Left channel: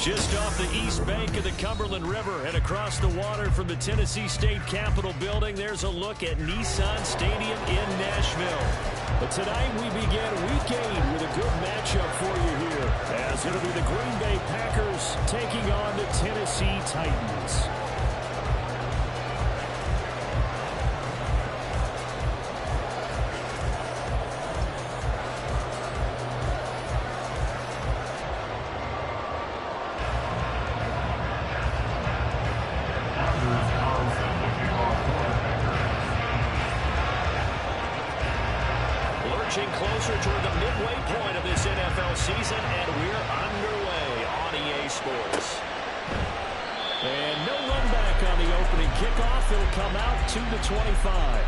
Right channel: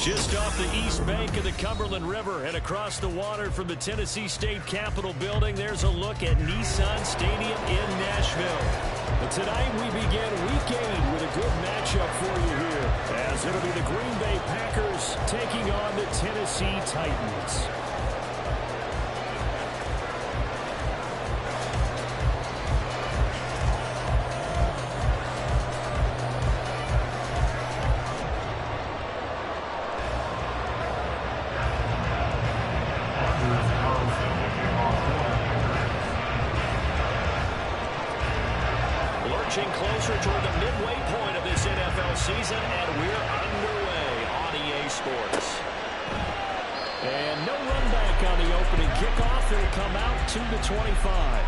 Just off the east bank of the Cumberland River and across the water from the Tennessee State Capitol building, there's a look at Nissan Stadium in Nashville. But tonight we begin Week 8 with a good matchup for you here, as it'll be the Green Bay Packers taking on the Tennessee Titans. Lurching closer toward the midway point of this NFL season, and we're underway on EA Sports. And no run back on the opening kickoff. It'll come out to the 25.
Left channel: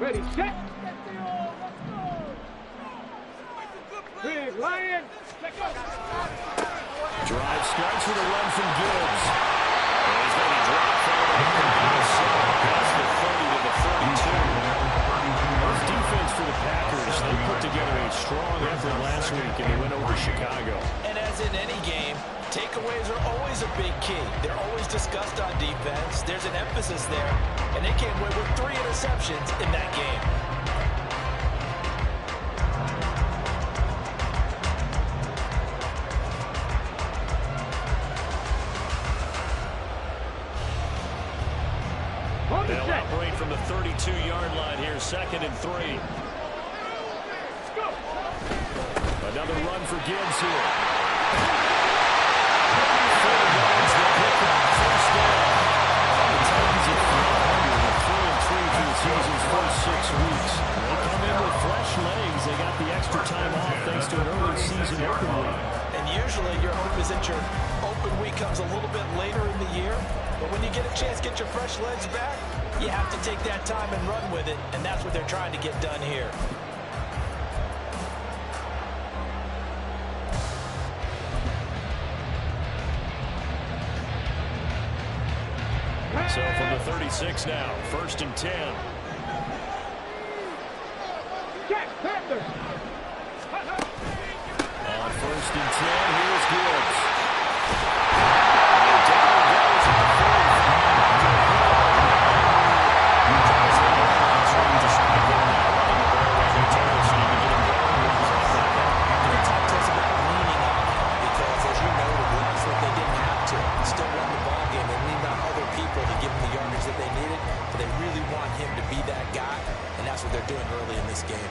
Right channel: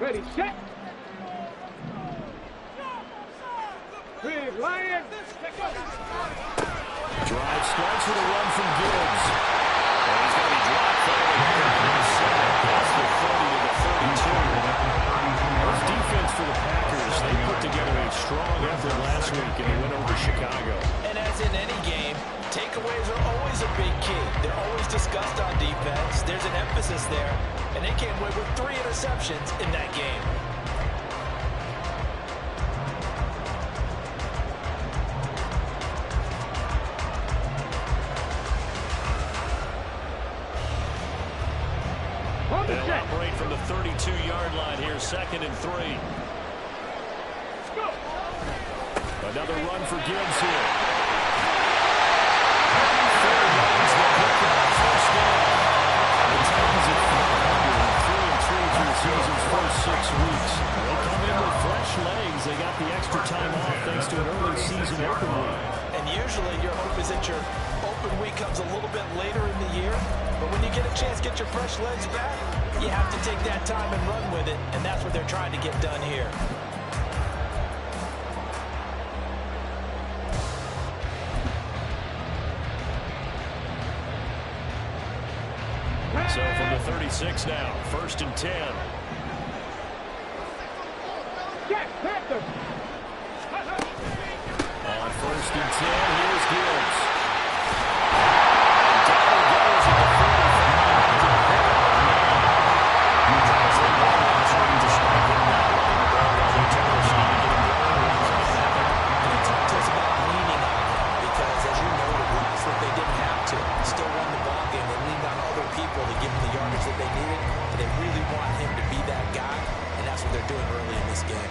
Ready, set. Big Lion. Drive starts with a run from Gibbs. And he's going to be dropped forward past the 30 to the 32. This defense for the Packers, they put together a strong effort last week in the win over Chicago. And as in any game, takeaways are always a big key. They're always discussed on defense. There's an emphasis there. And they came away with 3 interceptions in that game. They'll operate from the 32-yard line here, 2nd and 3. Another run for Gibbs here. 4 yards, the pickup, first down. The Titans at 500, 3-3 through the season's first 6 weeks. They come in with fresh legs. They got the extra time off thanks to an early season open week. And usually your hope is that your open week comes a little bit later in the year. But when you get a chance to get your fresh legs back, you have to take that time and run with it. And that's what they're trying to get done here. So from the 36 now, 1st and 10. Jack Panthers. On 1st and 10, here's Gibbs. And down he goes at the 45. Travis Lee won last week despite him not running the ball while the Taylor seemed to get him going. They talked to us about leaning on him because, as you noted, last week they didn't have to. They still won the ball game. They leaned on other people to give them the yardage that they needed, but they really want him to be that guy, and that's what they're doing early in this game.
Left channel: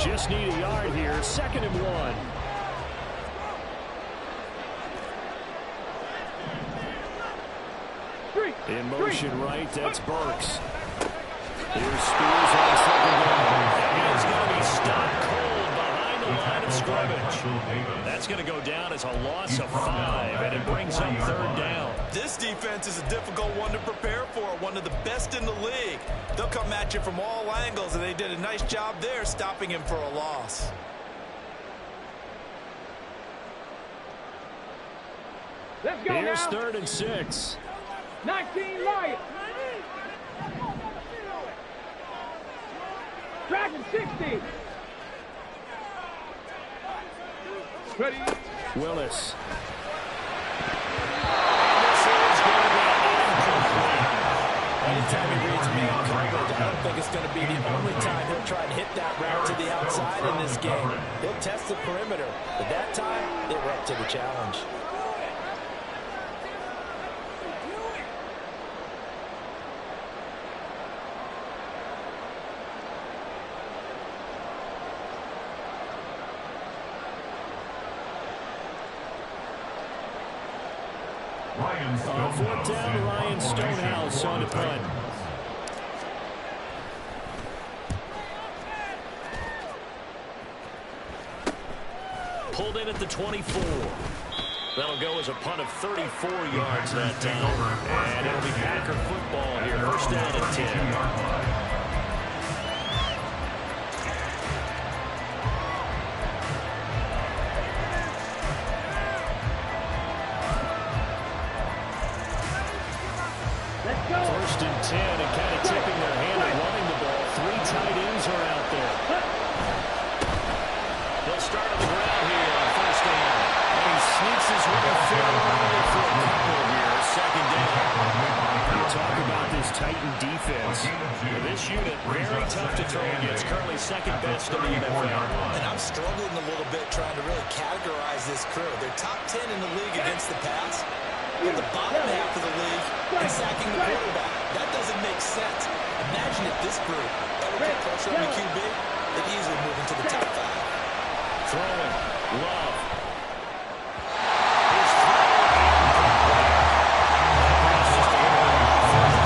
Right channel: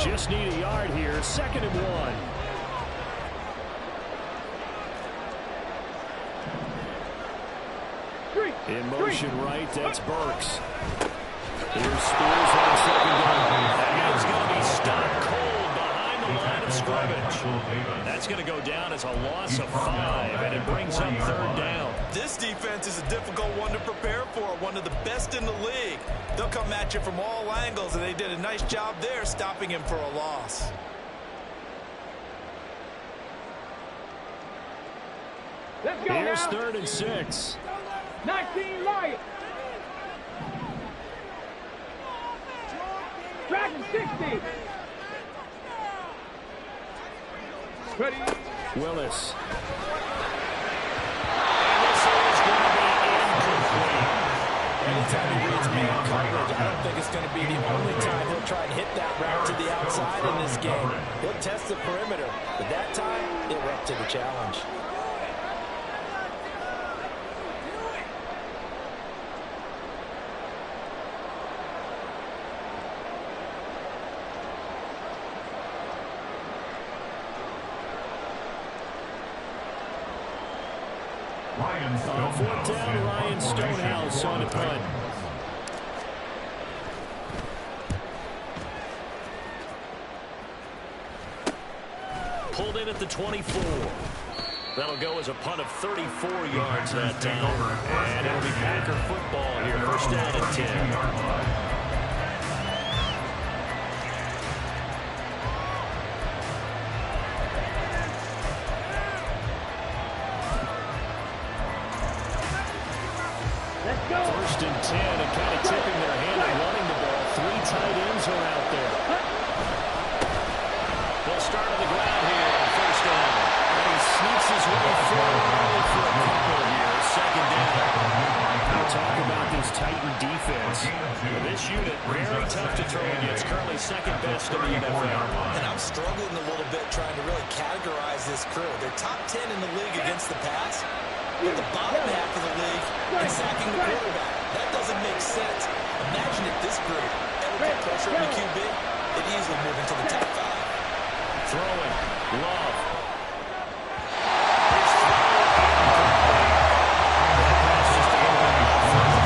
Just need a yard here, 2nd and 1. In motion right, that's Burks. Here's Spears on 2nd down. And he's going to be stopped cold behind the line of scrimmage. That's going to go down as a loss of 5, and it brings up 3rd down. This defense is a difficult one to prepare for, one of the best in the league. They'll come at you from all angles, and they did a nice job there stopping him for a loss. Let's go. Here's now. 3rd and 6. 19 Lions. Dragon 60. Ready. Willis. And this is going to be incomplete. Anytime he reads man coverage, I don't think it's going to be the only time he'll try and hit that route to the outside in this game. He'll test the perimeter, but that time, they were up to the challenge. On 4th down, Ryan Stonehouse on the punt. pulled in at the 24. That'll go as a punt of 34 yards that time. And it'll be Packer football here. First down and 10. First and 10, and kind of tipping their hand at running the ball. 3 tight ends are out there. They'll start on the ground here on first down. And he sneaks his way forward for a couple here. Second down. You talk about this Titan defense. This unit, very tough to throw against. Currently second best in the NFL. And I'm struggling a little bit trying to really categorize this crew. They're top 10 in the league against the pass. But the bottom half of the league in sacking the quarterback. That doesn't make sense. Imagine if this group ever put pressure on the QB, they'd easily move into the top 5. Throwing. Love. His throw incomplete. That pass just a little bit off.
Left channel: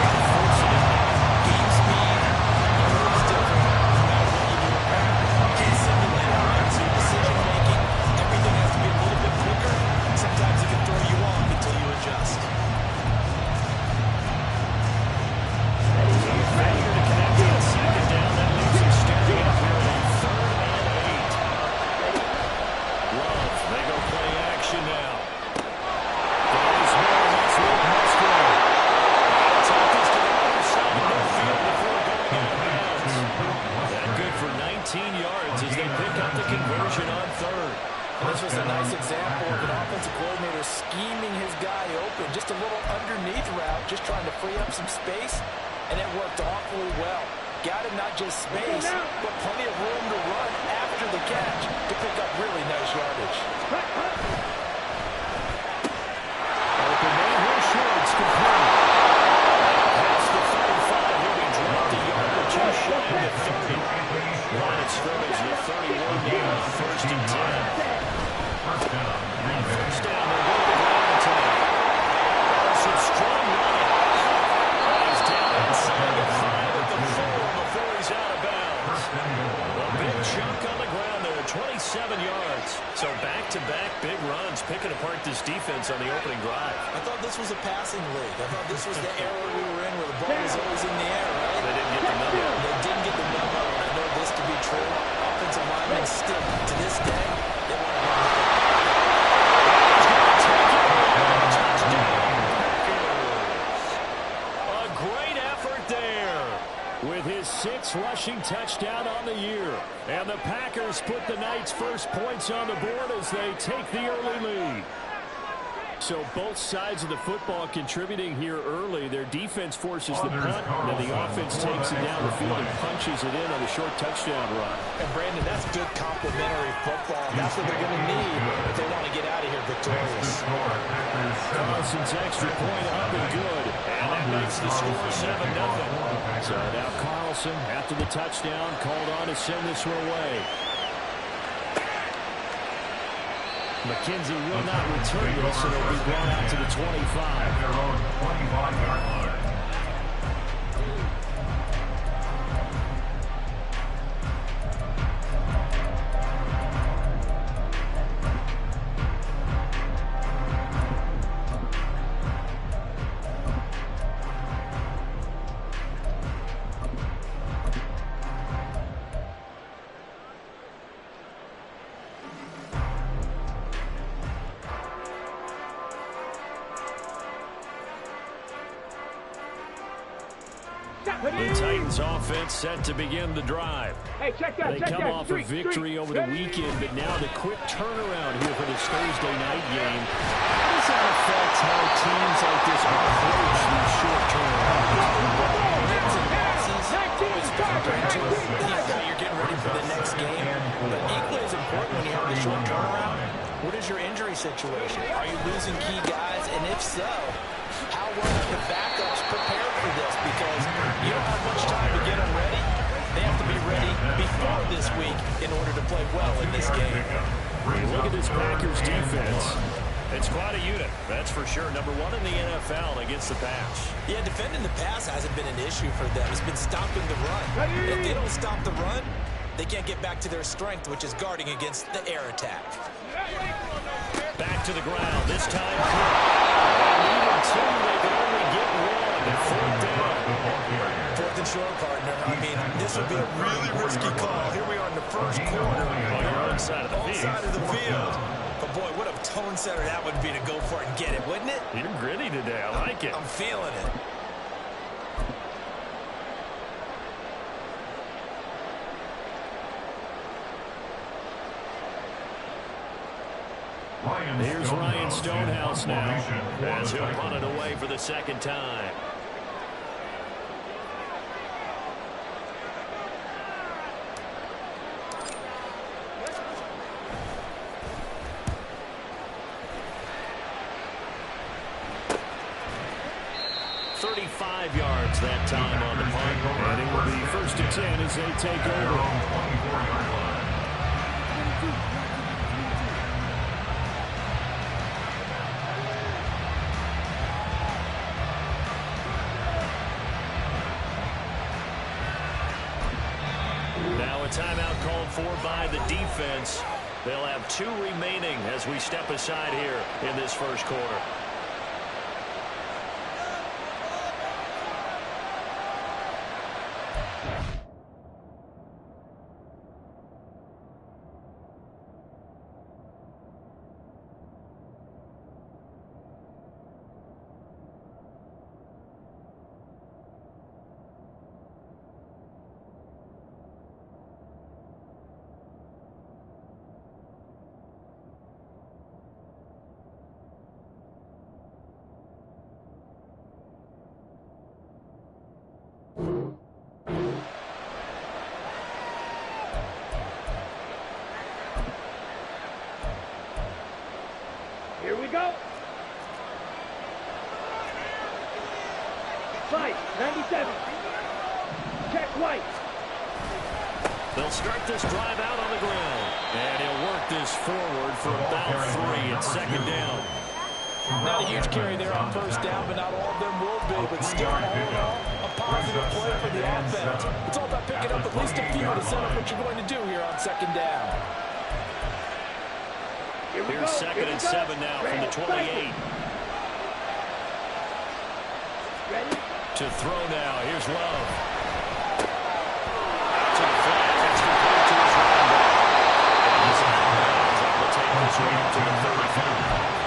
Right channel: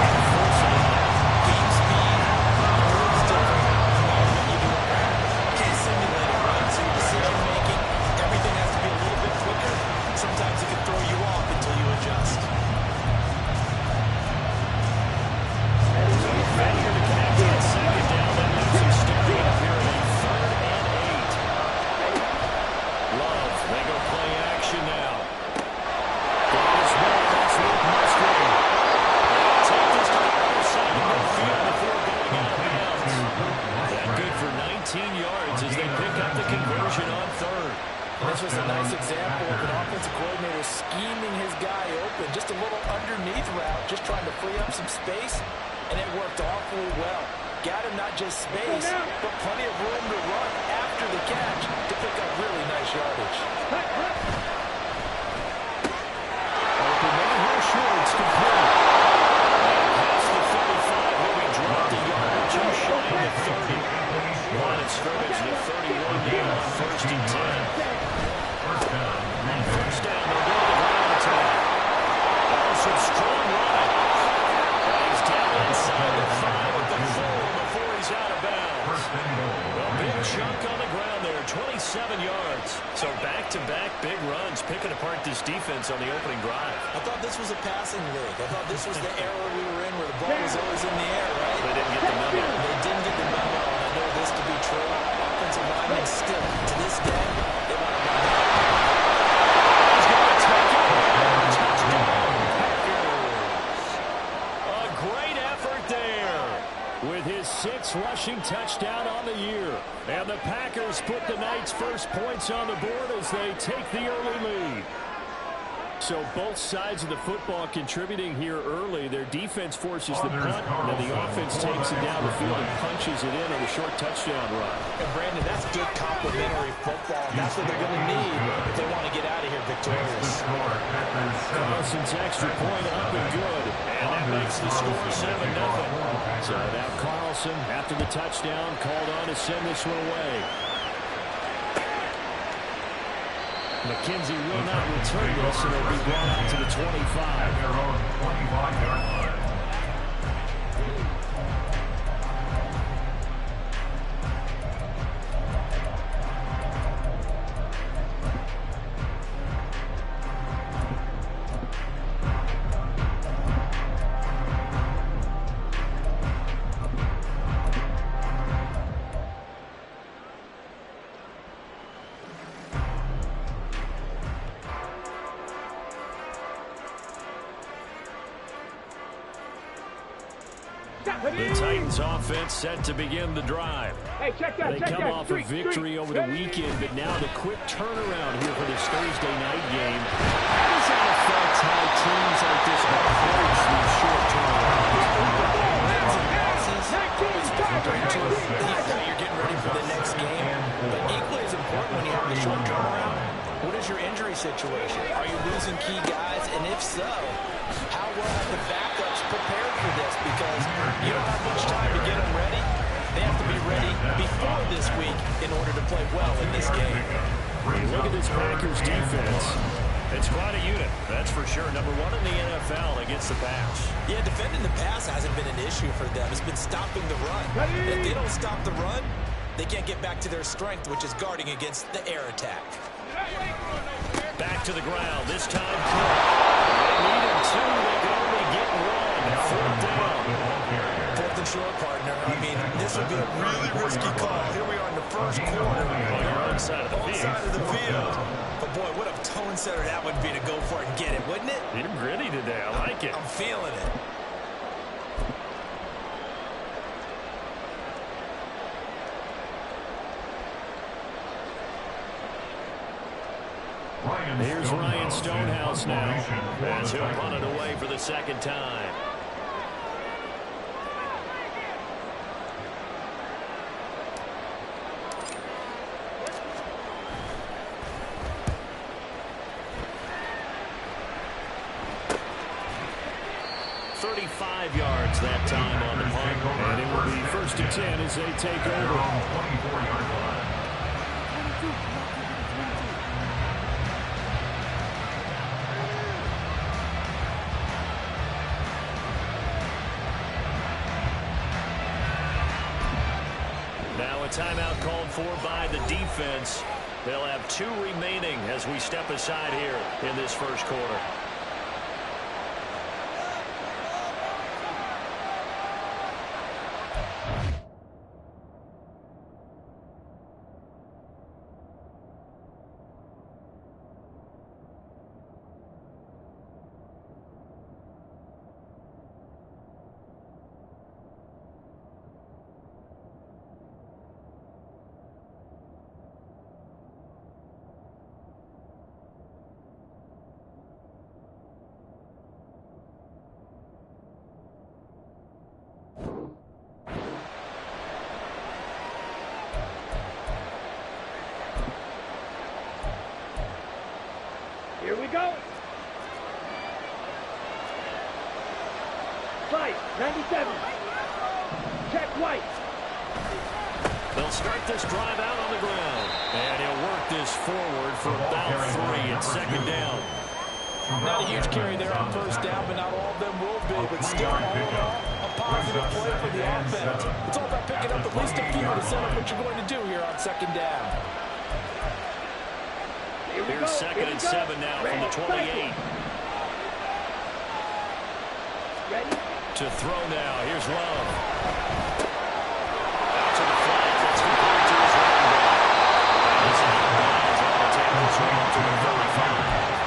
Trying to force it in there. Game speed is different no matter what you do in practice. You can't simulate it, right? So your decision making, everything has to be a little bit quicker. Sometimes it can throw you off until you adjust. So failure to connect on second down. That leaves him staring up here at a 3rd and 8. Love. They go play action now. Goes well. That's Luke Musgrave. They'll take this to the other side of midfield before going out of bounds. That good for 19 yards as they pick up the conversion on 3rd. And this was a nice example of an offensive coordinator scheming his guy open. Just a little underneath route, just trying to free up some space, and it worked awfully well. Got him not just space, but plenty of room to run after the catch to pick up really nice yardage. Open man here, Schwartz complete. And past the 35, he'll be dropped a yard or 2 shy of the 30. Line of scrimmage, the 31 now, first and 10. On first down, they'll go to the ground attack. Some strong running. He's down inside the 5 at the 4 before he's out of bounds. A big chunk on the ground there, 27 yards. So back-to-back big runs, picking apart this defense on the opening drive. I thought this was a passing league. I thought this was the era we were in where the ball was always in the air, right? They didn't get the memo. They didn't get the memo, and I know this to be true. Offensive linemen still, to this day, they want to run the football. He's going to take it. Touchdown, Packers. A great effort there with his 6th rushing touchdown on the year. And the Packers put the Knights' first points on the board as they take the early lead. So both sides of the football contributing here early. Their defense forces the punt, and the offense takes it down the field and punches it in on the short touchdown run. And Brandon, that's good complementary football. That's what they're going to need if they want to get out of here victorious. Carlson's extra point up and good, and that makes the score 7-0. So now Carlson, after the touchdown, called on to send this one away. McKenzie will not return this, and it'll be brought out to the 25. Their own 25-yard line. The Titans offense set to begin the drive. Hey, check that, They come off a victory over the weekend, but now the quick turnaround here for this Thursday night game. How does that affect how teams like this approach these short turnarounds? Wins and losses always factor into it. Now you're getting ready for the next game. But equally as important when you have the short turnaround, what is your injury situation? Are you losing key guys? And if so, how well have the backups prepared for this? Because you don't have much time to get them ready. They have to be ready before this week in order to play well in this game. Look at this Packers defense. It's quite a unit, that's for sure. Number 1 in the NFL against the pass. Yeah, defending the pass hasn't been an issue for them. It's been stopping the run. If they don't stop the run, they can't get back to their strength, which is guarding against the air attack. Back to the ground. This time, Cook. They needed two. They could only get one. Fourth down. Fourth and short, partner. I mean, this would be a really risky call. Here we are in the first quarter. On your own side of the field. Side of the field. But, boy, what a tone setter that would be to go for it and get it, wouldn't it? You're gritty today. I like it. I'm feeling it. Here's Ryan Stonehouse now as he'll punt it away for the second time. Yards that time on the punt, and it will be 1st and 10 as they take over. Now a timeout called for by the defense. They'll have 2 remaining as we step aside here in this first quarter. Here we go. Fight, 97. Check White. They'll start this drive out on the ground. And he'll work this forward for about 3 at second down. Not a huge carry there on first down, but not all of them will be. But still, all in all, a positive play for the offense. It's all about picking up at least a few to set up what you're going to do here on second down. Here's 2nd and 7 now from the 28. Ready? To throw now. Here's Love. Out to the flat. That's complete to his running back. And he's out of bounds. Able to take this one up to the 35.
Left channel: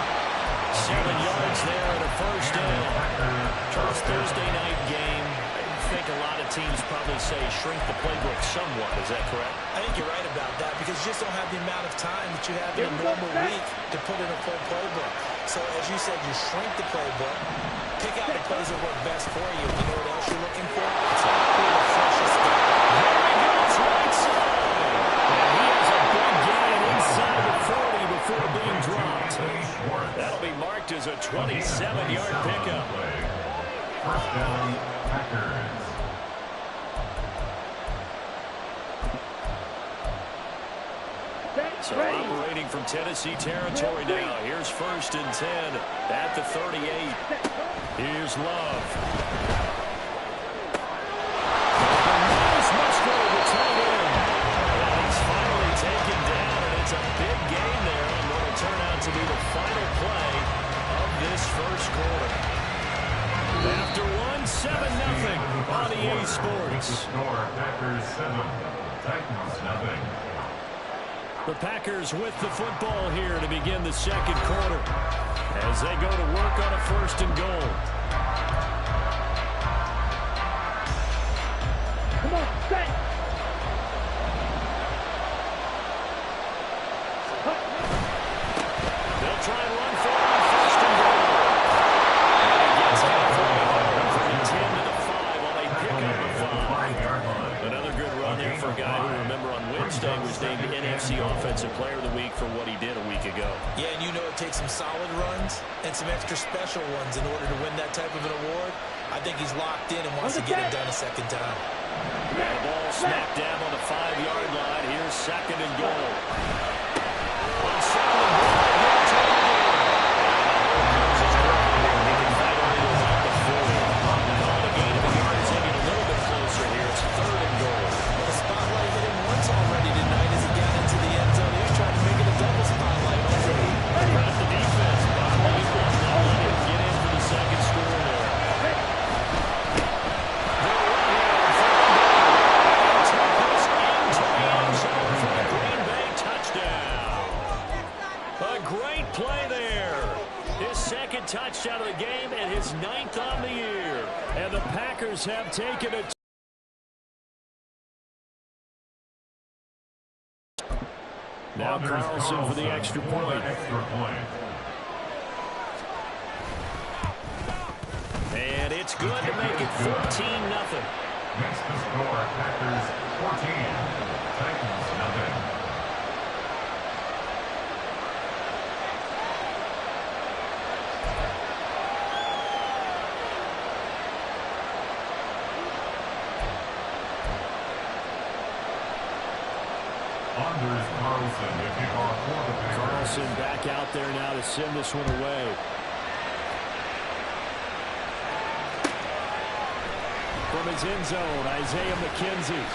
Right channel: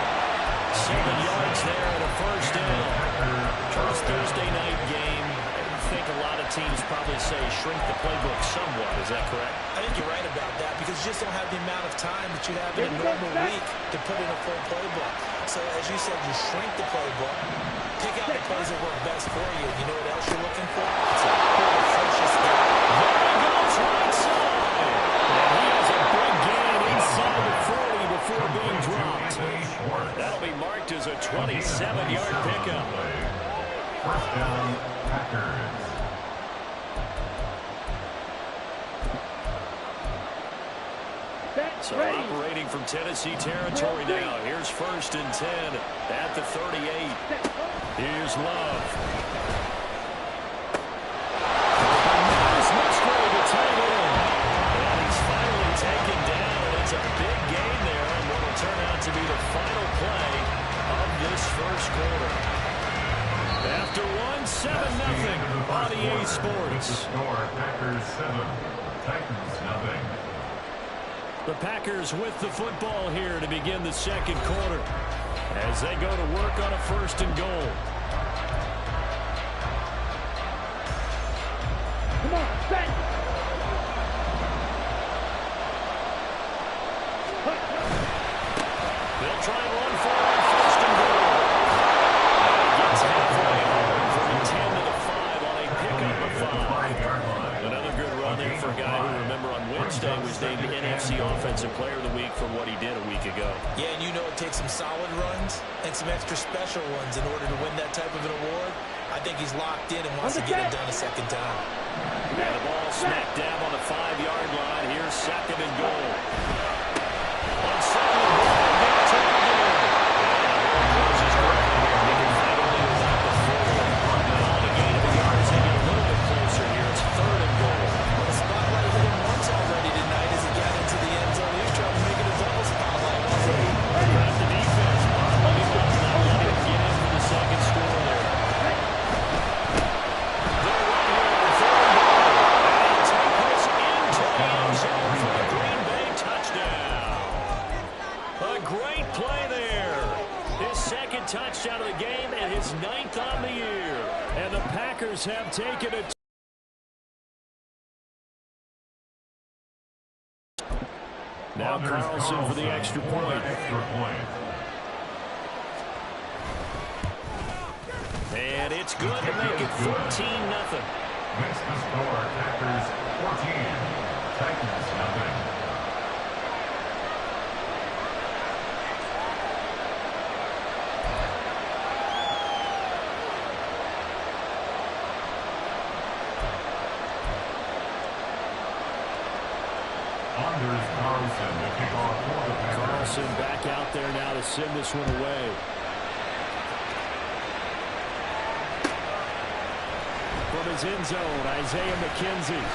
7 yards there and a first down. First Thursday night game. I think a lot of teams probably say shrink the playbook somewhat. Is that correct? I think you're right about that because you just don't have the amount of time that you have in a normal week to put in a full playbook. So, as you said, you shrink the playbook, pick out the plays that work best for you. You know what else you're looking for? It's a cool, freshest guy. There he goes, right side. And he has a big gain inside the 40 before being dropped. That'll be marked as a 27-yard pickup. First down, Packers. So operating from Tennessee territory now. Here's 1st and 10 at the 38. Here's Love. Nice Musgrave, the tight end. And he's finally taken down, and it's a big gain there on what will turn out to be the final play of this first quarter. After one, 7-0 on EA Sports. Packers 7, Titans 0. The Packers with the football here to begin the second quarter as they go to work on a 1st and goal. Come on, set. They'll try and run for it on 1st and goal. And he gets halfway home from the 10 to the 5 on a pickup of 5. Another good run there for a guy who, remember, on Wednesday was named the NFC Offensive Player of the Week for what he did a week ago. Yeah, and you know it takes some solid runs and some extra special ones in order to win that type of an award. I think he's locked in and wants to get it done a second time. And the ball smack dab on the 5-yard line. Here's 2nd and goal. On 2nd and goal, they'll turn it in. And the hole closes quickly here. He can fight only to about the 4. Calling a gain of a yard as they get a little bit closer here. It's 3rd and goal. Well, the spotlight hit him once great play there. His second touchdown of the game and his 9th on the year. And the Packers have taken it. Now Carlson for the extra point. And it's good to make it 14-0. Makes the score Packers 14, Titans 0. Anders Carlson to kick off for the Packers. Carlson back out there now to send this one away. From his end zone, Isaiah McKenzie.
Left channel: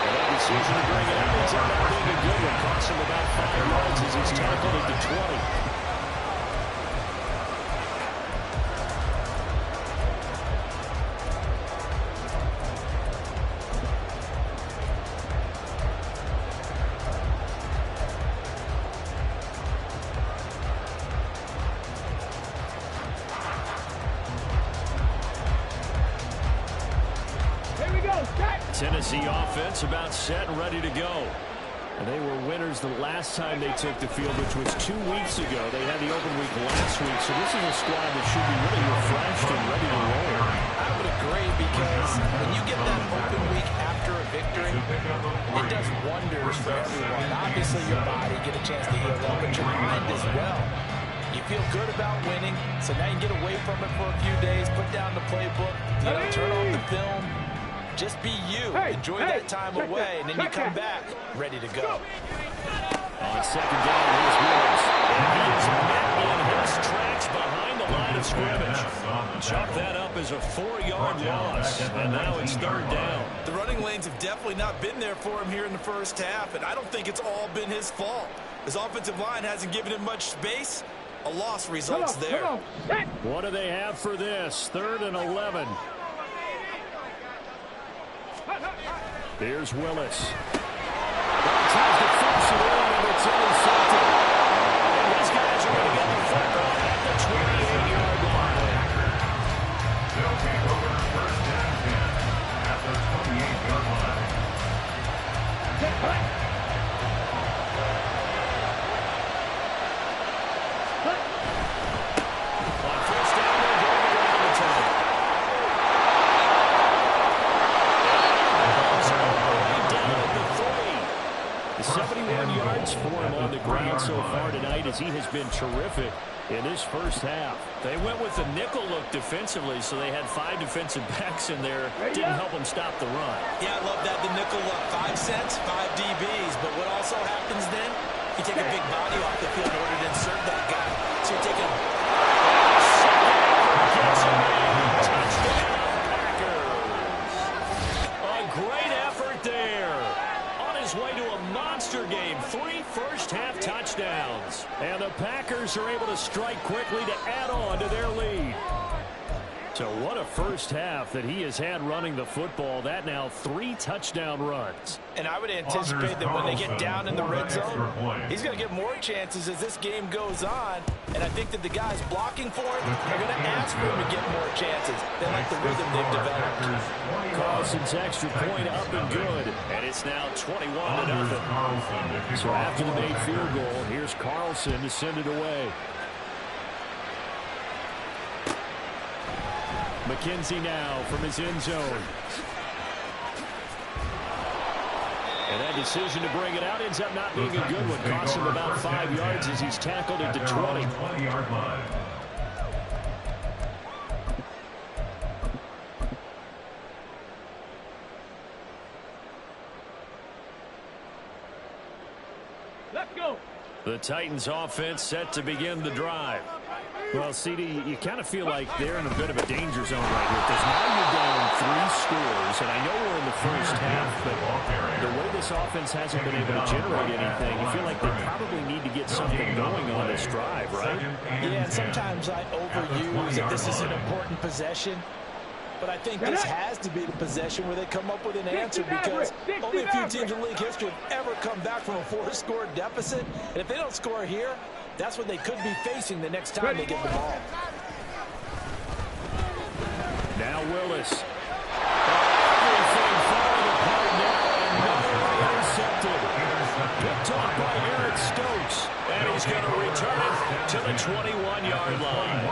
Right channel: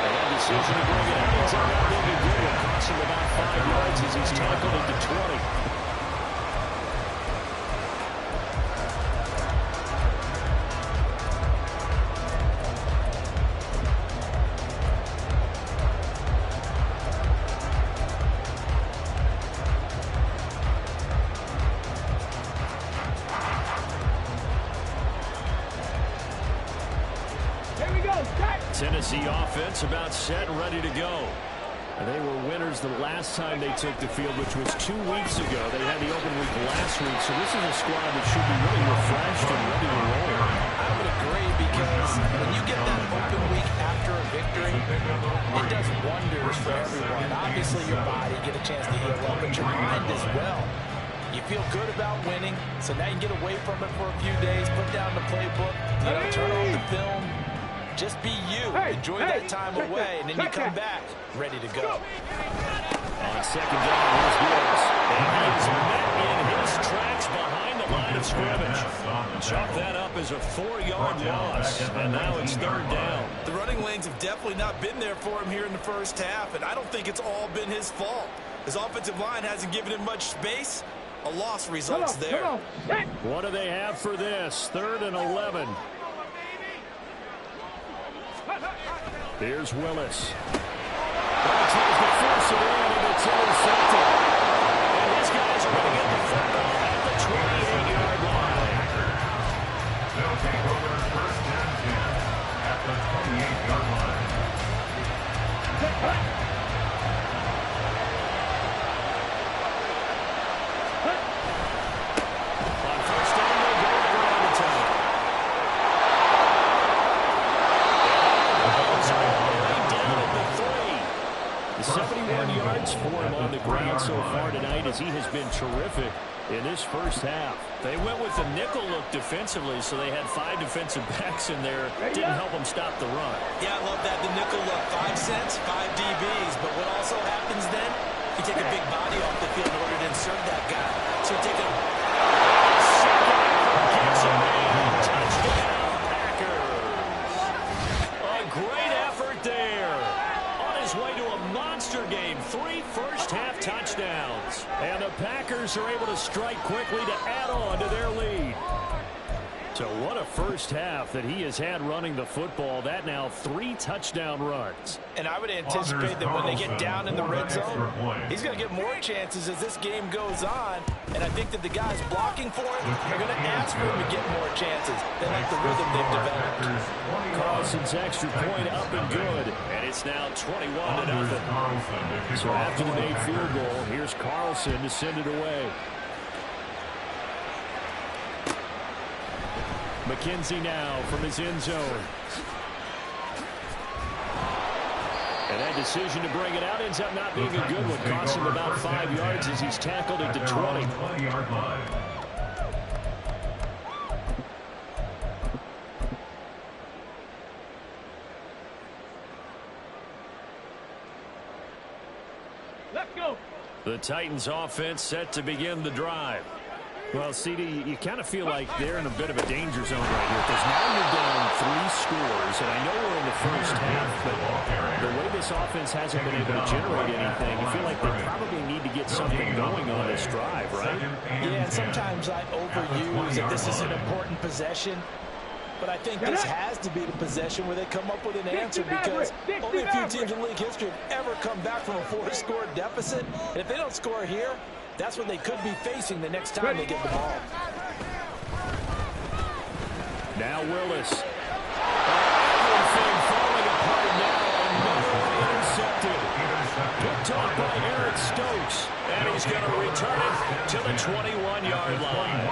And that decision to bring it out ends up not being a good one. Cost him about 5 yards as he's tackled at the 20. Tennessee offense about set and ready to go. And they were winners the last time they took the field, which was 2 weeks ago. They had the open week last week, so this is a squad that should be really refreshed and ready to roll. I would agree, because when you get that open week after a victory, it does wonders for everyone. Obviously, your body get a chance to heal up, but your mind as well. You feel good about winning, so now you can get away from it for a few days, put down the playbook, turn on the film. Just be you. Enjoy that time away, and then you come back ready to go. On second down, here's Woods. And he is met in his tracks behind the line of scrimmage. Chalk that up as a 4-yard loss, and now it's 3rd down. The running lanes have definitely not been there for him here in the first half, and I don't think it's all been his fault. His offensive line hasn't given him much space. A loss results there. What do they have for this? 3rd and 11. Here's Willis. Well, he tries to force it in, and it's intercepted. And his guys are going to get the football at the 28-yard line. They'll take over 1st and 10 at the 28-yard line. On 1st down, they'll go to the ground attack. The 71 yards for him on the ground so far tonight, as he has been terrific in this first half. They went with the nickel look defensively, so they had 5 defensive backs in there. Didn't help them stop the run. Yeah, I love that, the nickel look. 5 cents, 5 DBs. But what also happens then, you take a big body off the field in order to insert that guy. So you're taking a second effort, gets him in. Touchdown, Packers. A great effort there. His way to a monster game. 3 first-half touchdowns. And the Packers are able to strike quickly to add on to their lead. So what a first half that he has had running the football. That now 3 touchdown runs. And I would anticipate that when they get down in the red zone, he's going to get more chances as this game goes on. And I think that the guys blocking for him are going to ask for him to get more chances. They like the rhythm they've developed. Carlson's extra point up and good. And it's now 21-0. So after the made field goal, here's Carlson to send it away. McKenzie now from his end zone. And that decision to bring it out ends up not being a good one. Costs him about 5 yards as he's tackled at the 20. 20-yard line. Let's go. The Titans offense set to begin the drive. Well, CD, you kind of feel like they're in a bit of a danger zone right here, because now you're down 3 scores, and I know we're in the first half, but the way this offense hasn't been able to generate anything, you feel like they probably need to get something going on this drive, right? Yeah, and sometimes I overuse that this is an important possession. But I think this has to be the possession where they come up with an answer, because only a few teams in league history have ever come back from a 4-score deficit. And if they don't score here, that's what they could be facing the next time they get the ball. Now Willis. Everything falling apart now. Another intercepted. Picked off by Eric Stokes. And he's going to return it to the 21-yard line.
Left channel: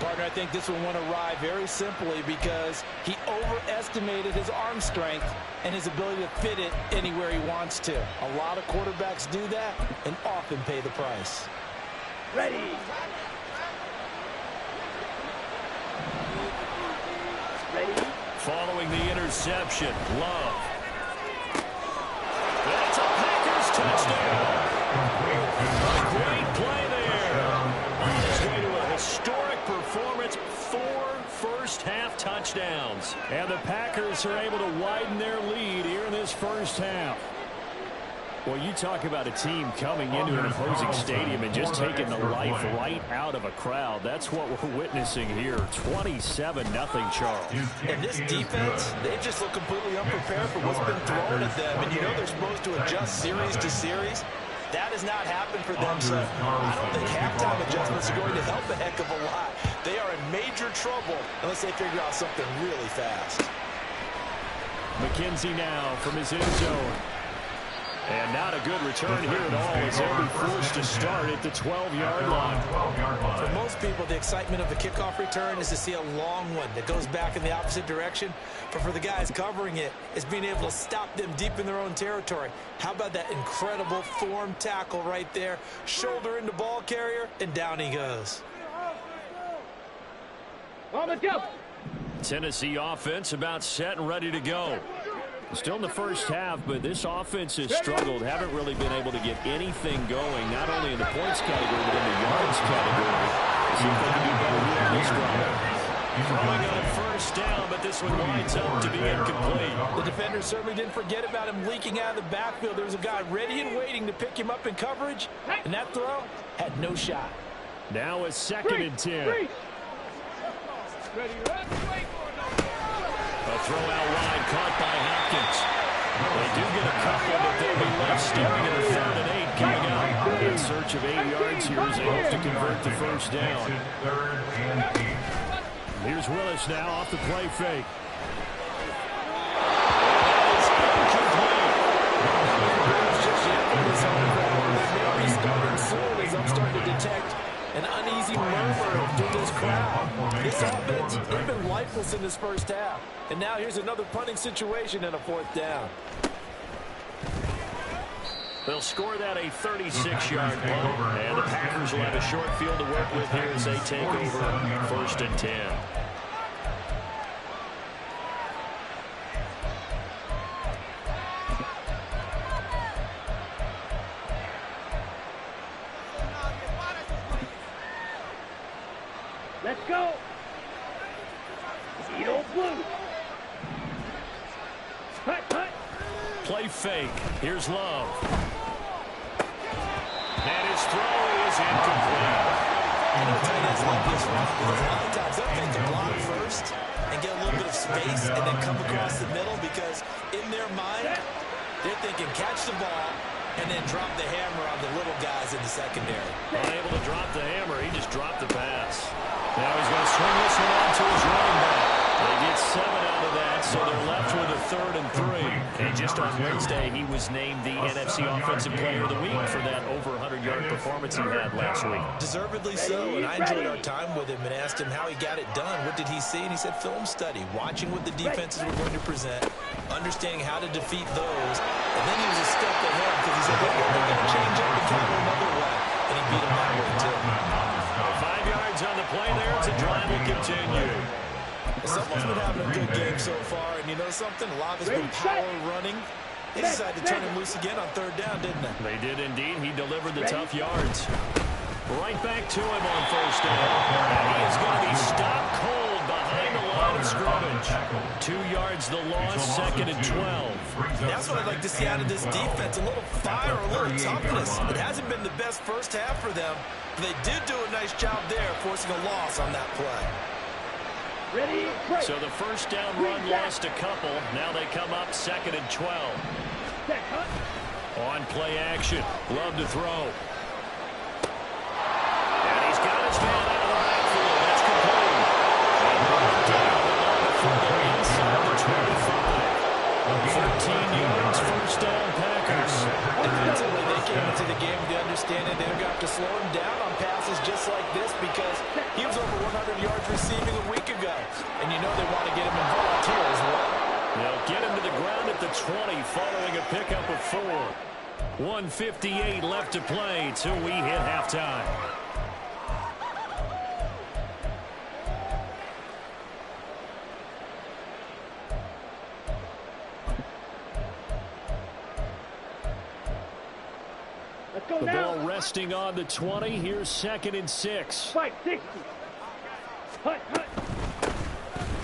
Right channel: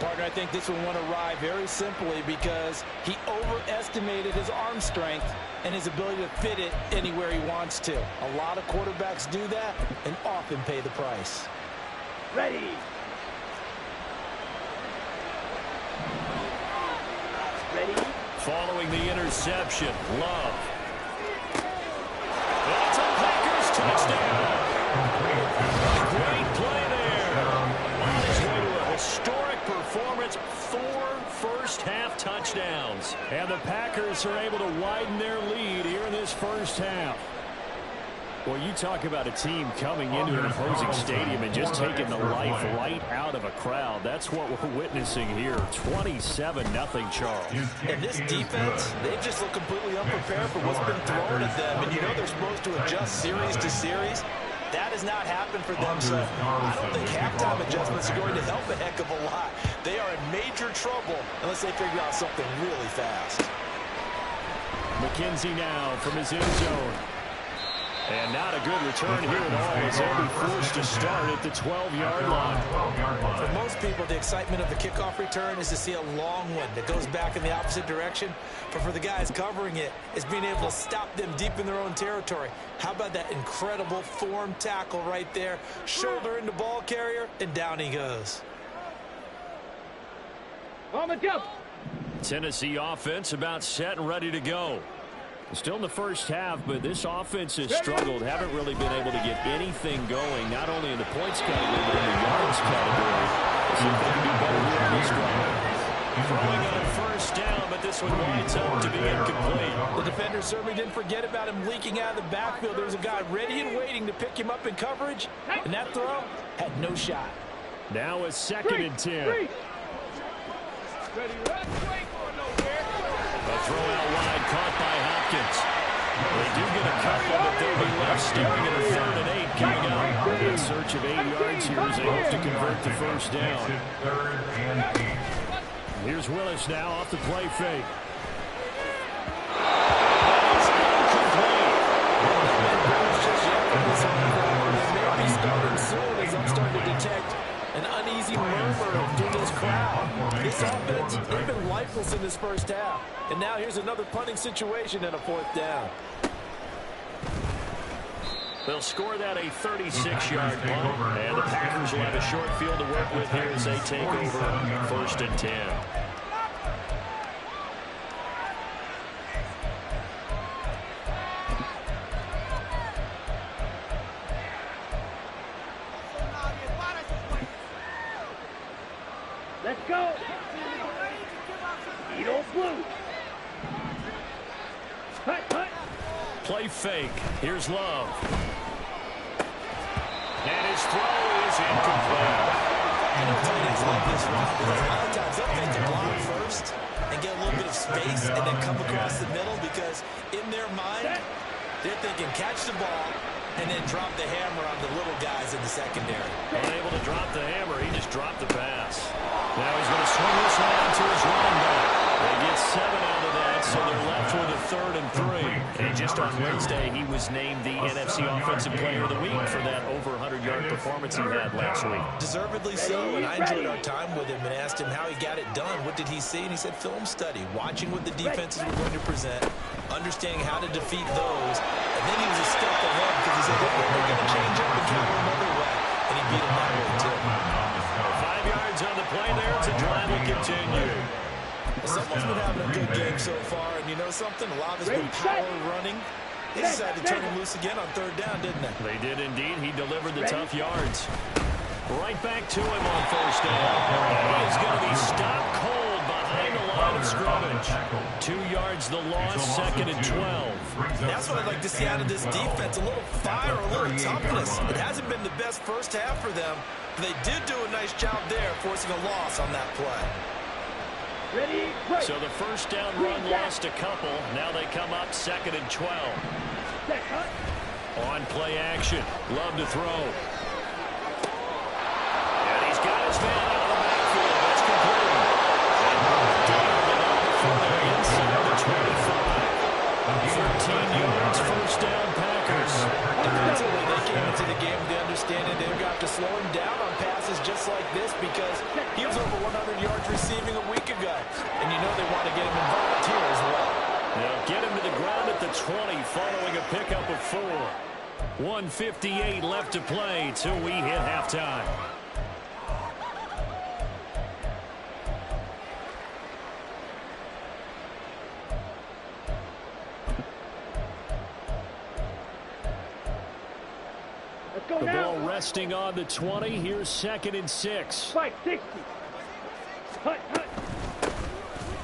Partner, I think this one went awry very simply because he overestimated his arm strength and his ability to fit it anywhere he wants to. A lot of quarterbacks do that and often pay the price. Ready. Ready. Following the interception, Love. And it's a Packers touchdown. Great play there. On his way to a historic performance, 4 first-half touchdowns. And the Packers are able to widen their lead here in this first half. Well, you talk about a team coming into an opposing stadium and just taking the life right out of a crowd. That's what we're witnessing here. 27-0, Charles. And this defense, they just look completely unprepared for what's been thrown at them. And you know they're supposed to adjust series to series. That has not happened for them, so I don't think halftime adjustments are going to help a heck of a lot. They are in major trouble unless they figure out something really fast. McKenzie now from his end zone. And not a good return here at all, as they'll be forced to start at the 12-yard line. For most people, the excitement of the kickoff return is to see a long one that goes back in the opposite direction. But for the guys covering it, it's being able to stop them deep in their own territory. How about that incredible form tackle right there? Shoulder into ball carrier, and down he goes. On the jump. Tennessee offense about set and ready to go. Still in the first half, but this offense has struggled. Haven't really been able to get anything going, not only in the points category, but in the yards category. Let's see if they can do better here on this drive. Throwing on first down, but this one winds up to be incomplete. The defender certainly didn't forget about him leaking out of the backfield. There was a guy ready and waiting to pick him up in coverage, and that throw had no shot. Now a 2nd and 10. Ready, wait for no here. A throw out wide caught by Hopkins. They do get a couple, but they'll be left staring at a 3rd and 8 coming up. In search of 8 yards here as they hope to convert the first down. Here's Willis now off the play fake. And that is incomplete. Just yet from this home crowd. They may be starting soon, as I'm starting to detect an uneasy murmur through this crowd. This offense, they've been lifeless in this first half. And now here's another punting situation and a 4th down. They'll score that a 36-yard punt, and the Packers will have a short field to work with here as they take over 1st and 10. Let's go. Edo blue. Hut, hut. Play fake. Here's Love. And his throw is incomplete. I know tight ends love this route because a lot of times they'll take the block first and get a little bit of space and then come across the middle, because in their mind, they're thinking catch the ball and then drop the hammer on the little guys in the secondary. Unable to drop the hammer, he just dropped the pass. Now he's going to swing this one out to his running back. They get 7 out of that, so they're left with a 3rd and 3. And just on Wednesday, he was named the NFC Offensive Player of the Week for that over 100-yard performance he had last week. Deservedly so, and I enjoyed our time with him and asked him how he got it done. What did he see? And he said film study, watching what the defenses were going to present, understanding how to defeat those, and then he was a step ahead because he said, well, we're going to change up and counter another way, and he beat him that way too. 5 yards on the play there as the drive will continue. Someone's been having a good game so far, and you know something? A lot of it's been power running. They decided to turn him loose again on 3rd down, didn't they? They did indeed. He delivered the tough yards. Right back to him on first down. And he is going to be stopped cold behind the line of scrimmage. 2 yards the loss, 2nd and 12. That's what I'd like to see out of this defense. A little fire, a little toughness. It hasn't been the best first half for them, but they did do a nice job there, forcing a loss on that play. Ready, break. So the first down run lost a couple. Now they come up 2nd and 12. Set, hut. On play action. Love to throw. And he's got his man out of the backfield. That's complete. And brought down, but not before they're inside the 25. 13 yards, first down, Packers. Defensively, they came into the game with the understanding they're going to have to slow him down on passes just like this because he was over 100 yards receiving a week ago. And you know they want to get him involved here as well. They'll get him to the ground at the 20 following a pickup of 4. 1:58 left to play till we hit halftime. Let's go The now. ball resting on the 20. Here's 2nd and 6. 560. Hut, hut.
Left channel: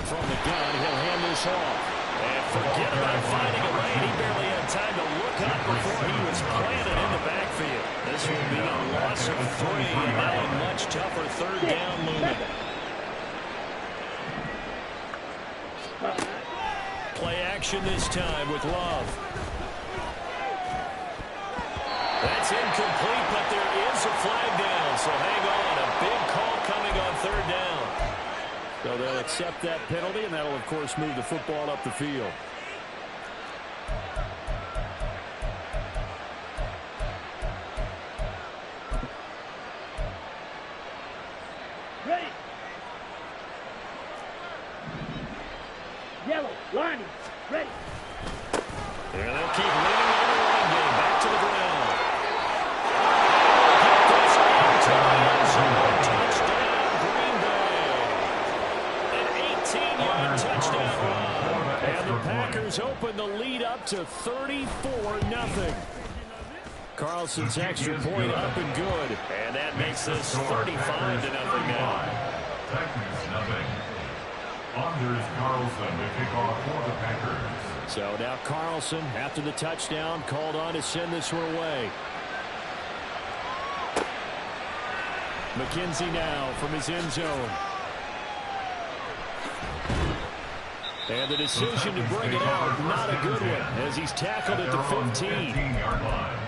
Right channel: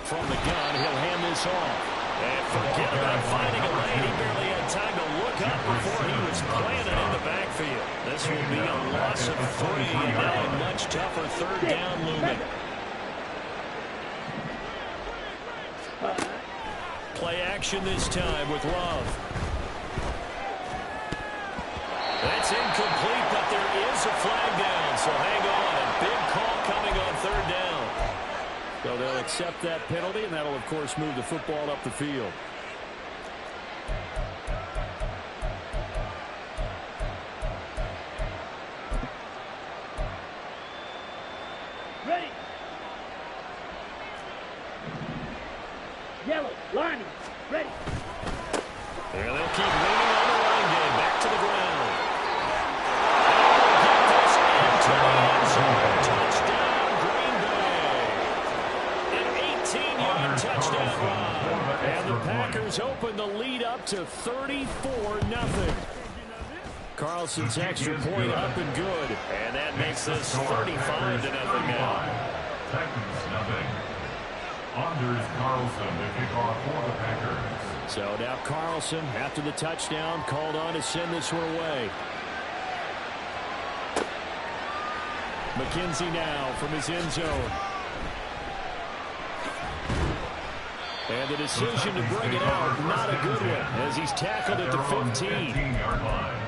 From the gun, he'll hand this off. And forget about finding a lane. He barely had time to look up before he was planted in the backfield. This will be a loss of 3, and now a much tougher 3rd down looming. Play action this time with Love. That's incomplete, but there is a flag down, so hang on. A big call coming on 3rd down. So they'll accept that penalty, and that'll, of course, move the football up the field. Ready. Yellow, lining, ready. And they'll keep leaning on the running game. Back to the ground. And we'll get this into the end zone. Touchdown, Green Bay. An 18-yard touchdown run. And the Packers open the lead up to 34-0. Carlson's extra point up and good. And that makes this 35-0 now. Titans nothing. Anders Carlson to kick off for the Packers. So now Carlson, after the touchdown, called on to send this one away. McKenzie now from his end zone. And the decision to bring it out, not a good one, as he's tackled at the 15. 15-yard line.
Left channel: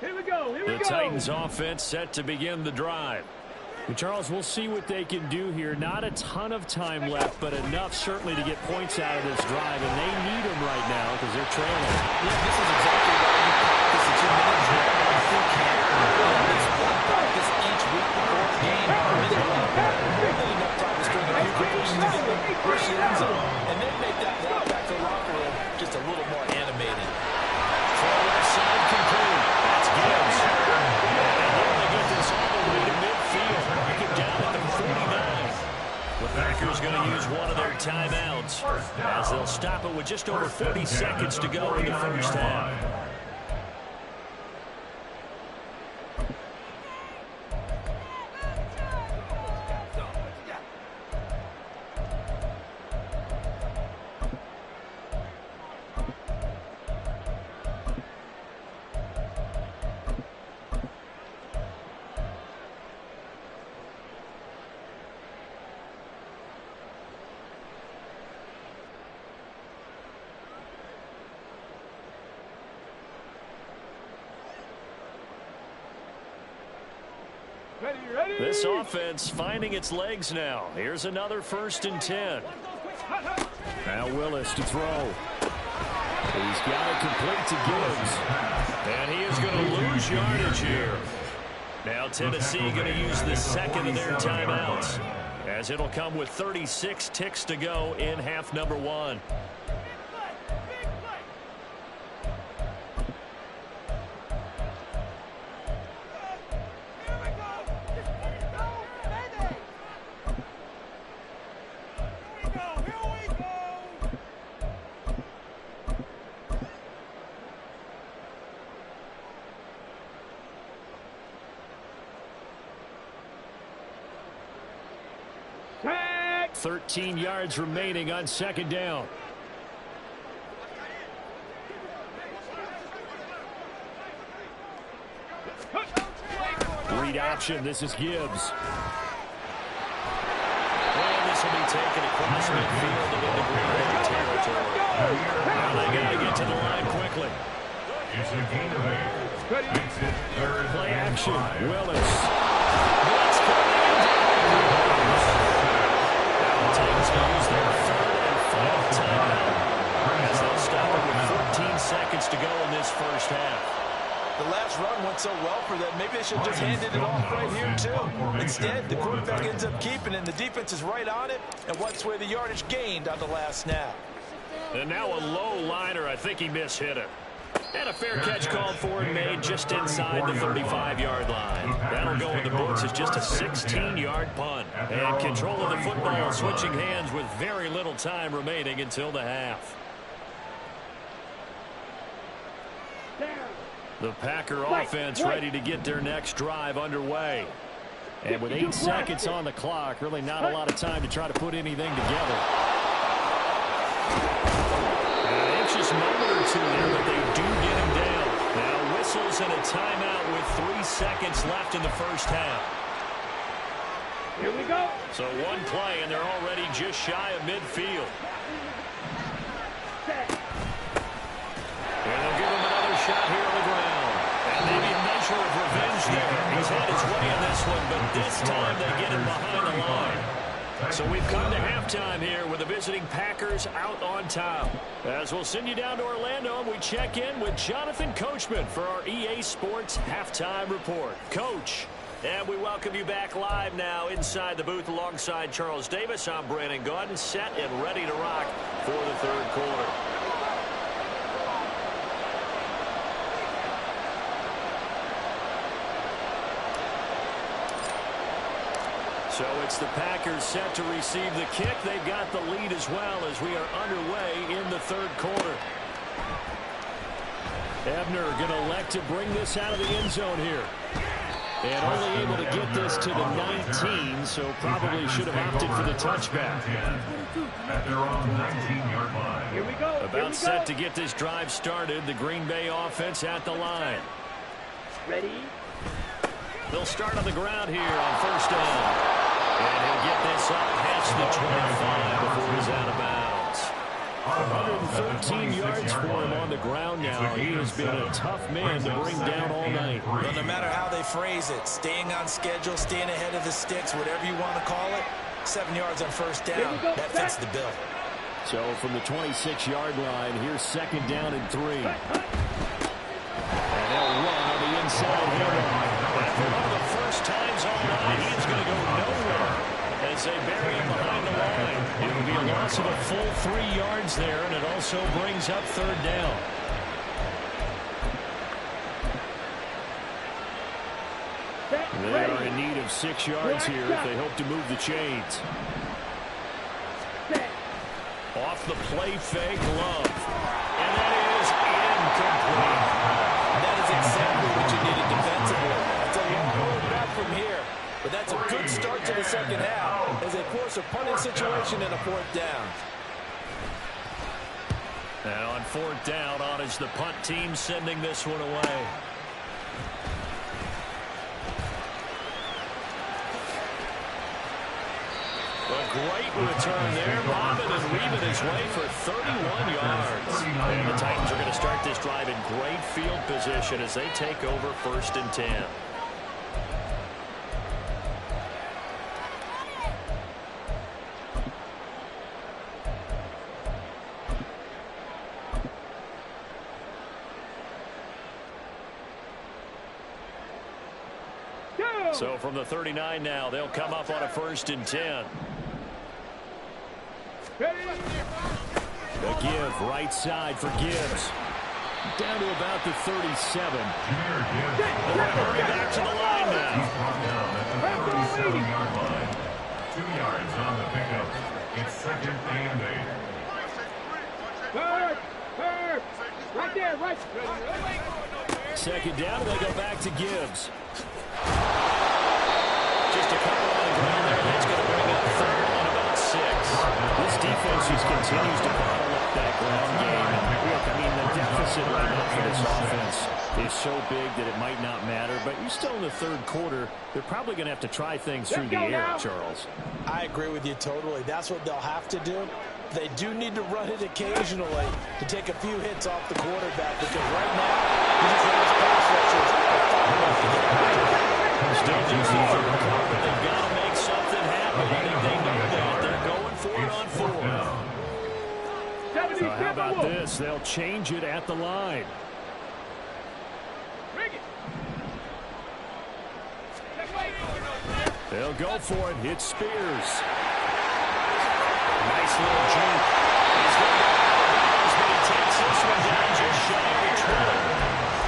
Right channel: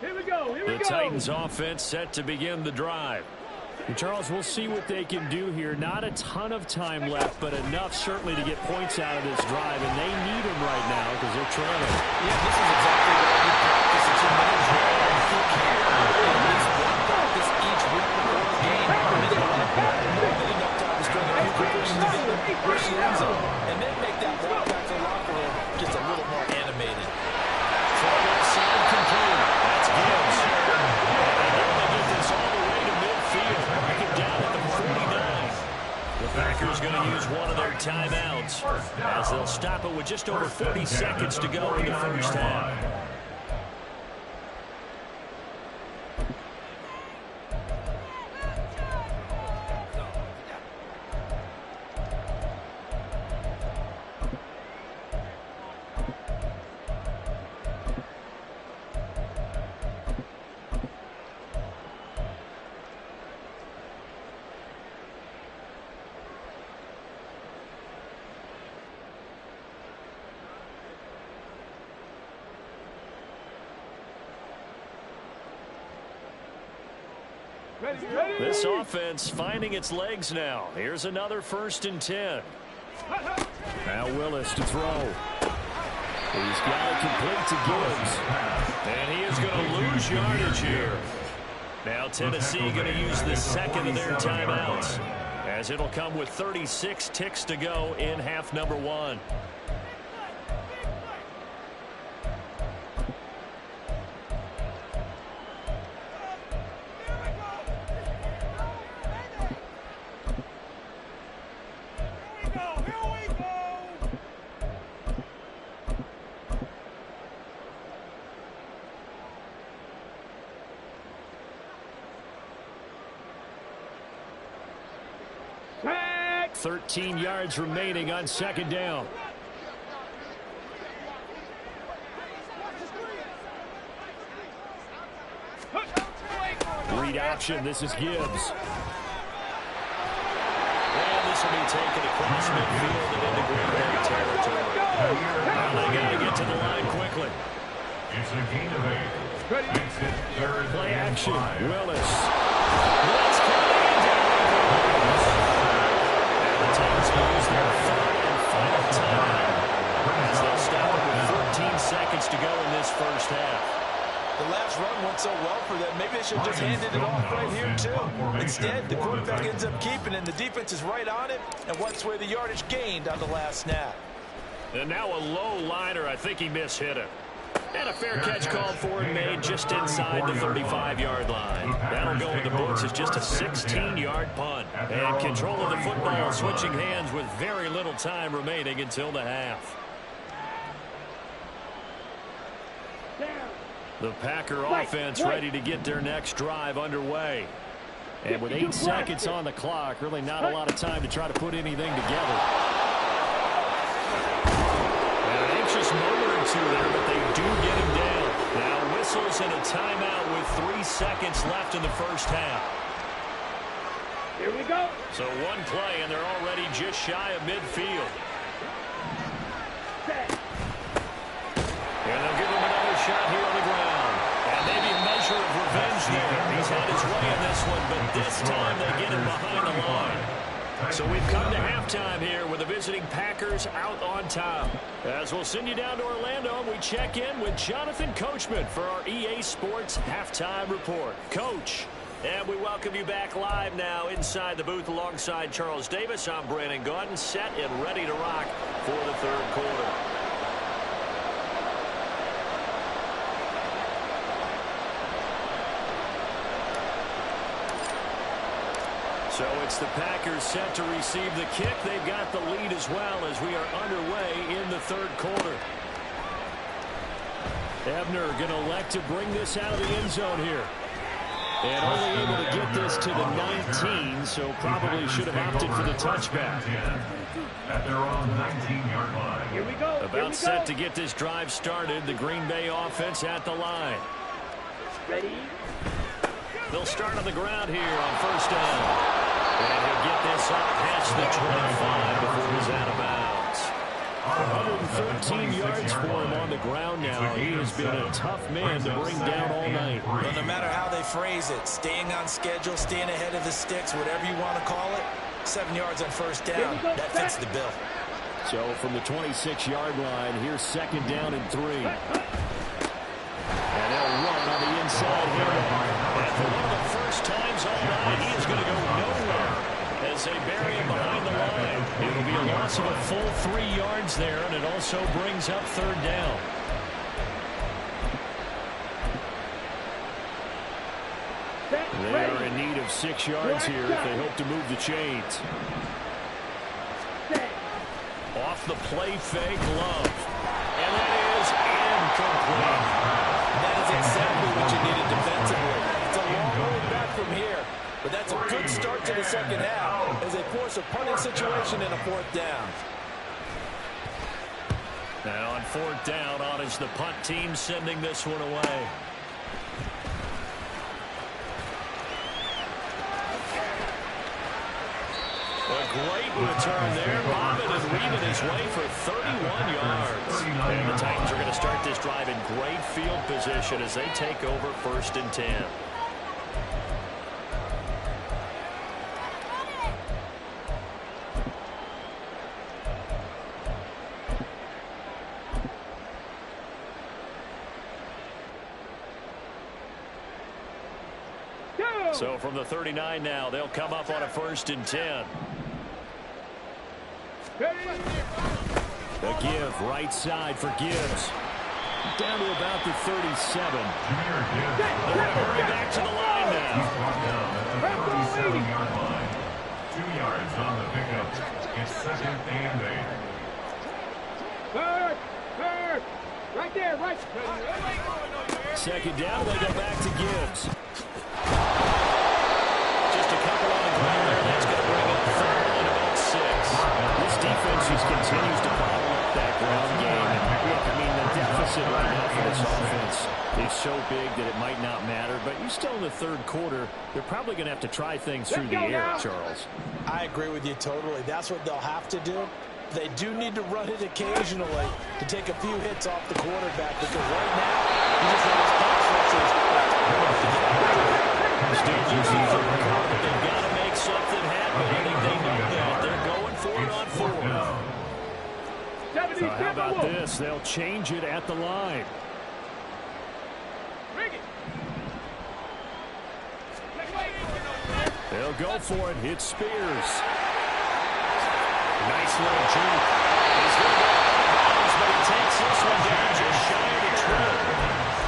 Here we go, here we The go. Titans offense set to begin the drive. And Charles, we'll see what they can do here. Not a ton of time left, but enough certainly to get points out of this drive, and they need them right now because they're trailing. Yeah, this is exactly why you practice a 2-minute drill if you can. At least one practice each week before a game. A minute left, more than enough time to string a few completions together, push the end zone, and then make that walk back to the locker room just a little more animated. Far left side complete. That's Gibbs. And they'll get this all the way to midfield. Mark it down at the 49. The Packers going to use one of their timeouts as they'll stop it with just over 40 seconds to go in the first half. Ready, ready. This offense finding its legs now. Here's another 1st and 10. Now Willis to throw. He's got it complete to Gibbs. And he is going to lose yardage here. Now Tennessee going to use the second of their timeouts, as it'll come with 36 ticks to go in half number 1. Tag. 13 yards remaining on 2nd down. Read option. This is Gibbs. And this will be taken across midfield and into Green Bay territory. Now they got to get to the line quickly. It's a gain of 8. Makes it 3rd Play and action. 5. Willis. Blitz coming and down he goes. Now the Titans will use their 3rd and final timeout as they'll stop it with 14 seconds to go in this first half. The last run went so well for them. Maybe they should have just handed it off right here, too. Instead, the quarterback ends up keeping it, and the defense is right on it and wipes away the yardage gained on the last snap. And now a low liner. I think he mishit it. And a fair catch called for and made just inside the 35-yard line. That'll go in the books as just a 16-yard punt. And control of the football switching hands with very little time remaining until the half. The Packer offense ready to get their next drive underway. And with 8 seconds on the clock, really not a lot of time to try to put anything together. An anxious moment or two there, but they do get him down. Now whistles and a timeout with 3 seconds left in the first half. Here we go. So one play, and they're already just shy of midfield. Set. And they'll give him another shot here on the ground. And maybe a measure of revenge there. He's had his way in this one, but this time they get him behind the line. So we've come to halftime here with the visiting Packers out on top. As we'll send you down to Orlando, and we check in with Jonathan Coachman for our EA Sports Halftime Report. Coach, and we welcome you back live now inside the booth alongside Charles Davis. I'm Brandon Gaudin, set and ready to rock for the third quarter. So it's the Packers set to receive the kick. They've got the lead as well as we are underway in the third quarter. Ebner going to elect to bring this out of the end zone here. And only able to get this to the 19, so probably should have opted for the touchback. At their own 19-yard line. Here we go. About set to get this drive started. The Green Bay offense at the line. Ready. They'll start on the ground here on first down. And he'll get this up past the 25 before he's out of bounds. 113 yards for him on the ground now. He has been a tough man to bring down all night. Well, no matter how they phrase it, staying on schedule, staying ahead of the sticks, whatever you want to call it, 7 yards on first down, that fits the bill. So from the 26-yard line, here's second down and 3. And they'll run on the inside handoff. And for one of the first times all night, he is going to go nowhere as they bury him behind the line. It'll be a loss of a full 3 yards there, and it also brings up third down. They are in need of 6 yards here if they hope to move the chains. Off the play fake, Love. And that is incomplete. That is exactly what you needed defensively. It's a long road back from here, but that's a good start to the second half as they force a punting situation and a fourth down. And on fourth down, on is the punt team sending this one away. A great return there. Bobbin and weaving his way for 31 yards. And the Titans are going to start this drive in great field position as they take over first and 10. So from the 39 now, they'll come up on a first and 10. A give right side for Gibbs. Down to about the 37. Jameer Gibbs. They're going to hurry back to the line now. He's brought down at the 37-yard line. 2 yards on the pickup. It's second and 8. Bird. Right there, right. Second down, they go back to Gibbs. Just a couple on the ground there. That's going to bring up third and about 6. This defense just continues to bottle up up that ground game. And look, I mean, the deficit right now for this offense is so big that it might not matter. But you still in the third quarter, they're probably going to have to try things through the air, Charles. I agree with you totally. That's what they'll have to do. They do need to run it occasionally to take a few hits off the quarterback, because right now, you just know those pass rushers are far enough to get out. Still just the third quarter, but they've got to make something happen. I think they know that. They're going for it on fourth. So how about this? They'll change it at the line. They'll go for it. Hit Spears. Nice little juke. He's going to go out of bounds, but he takes this one down just shy of the 20.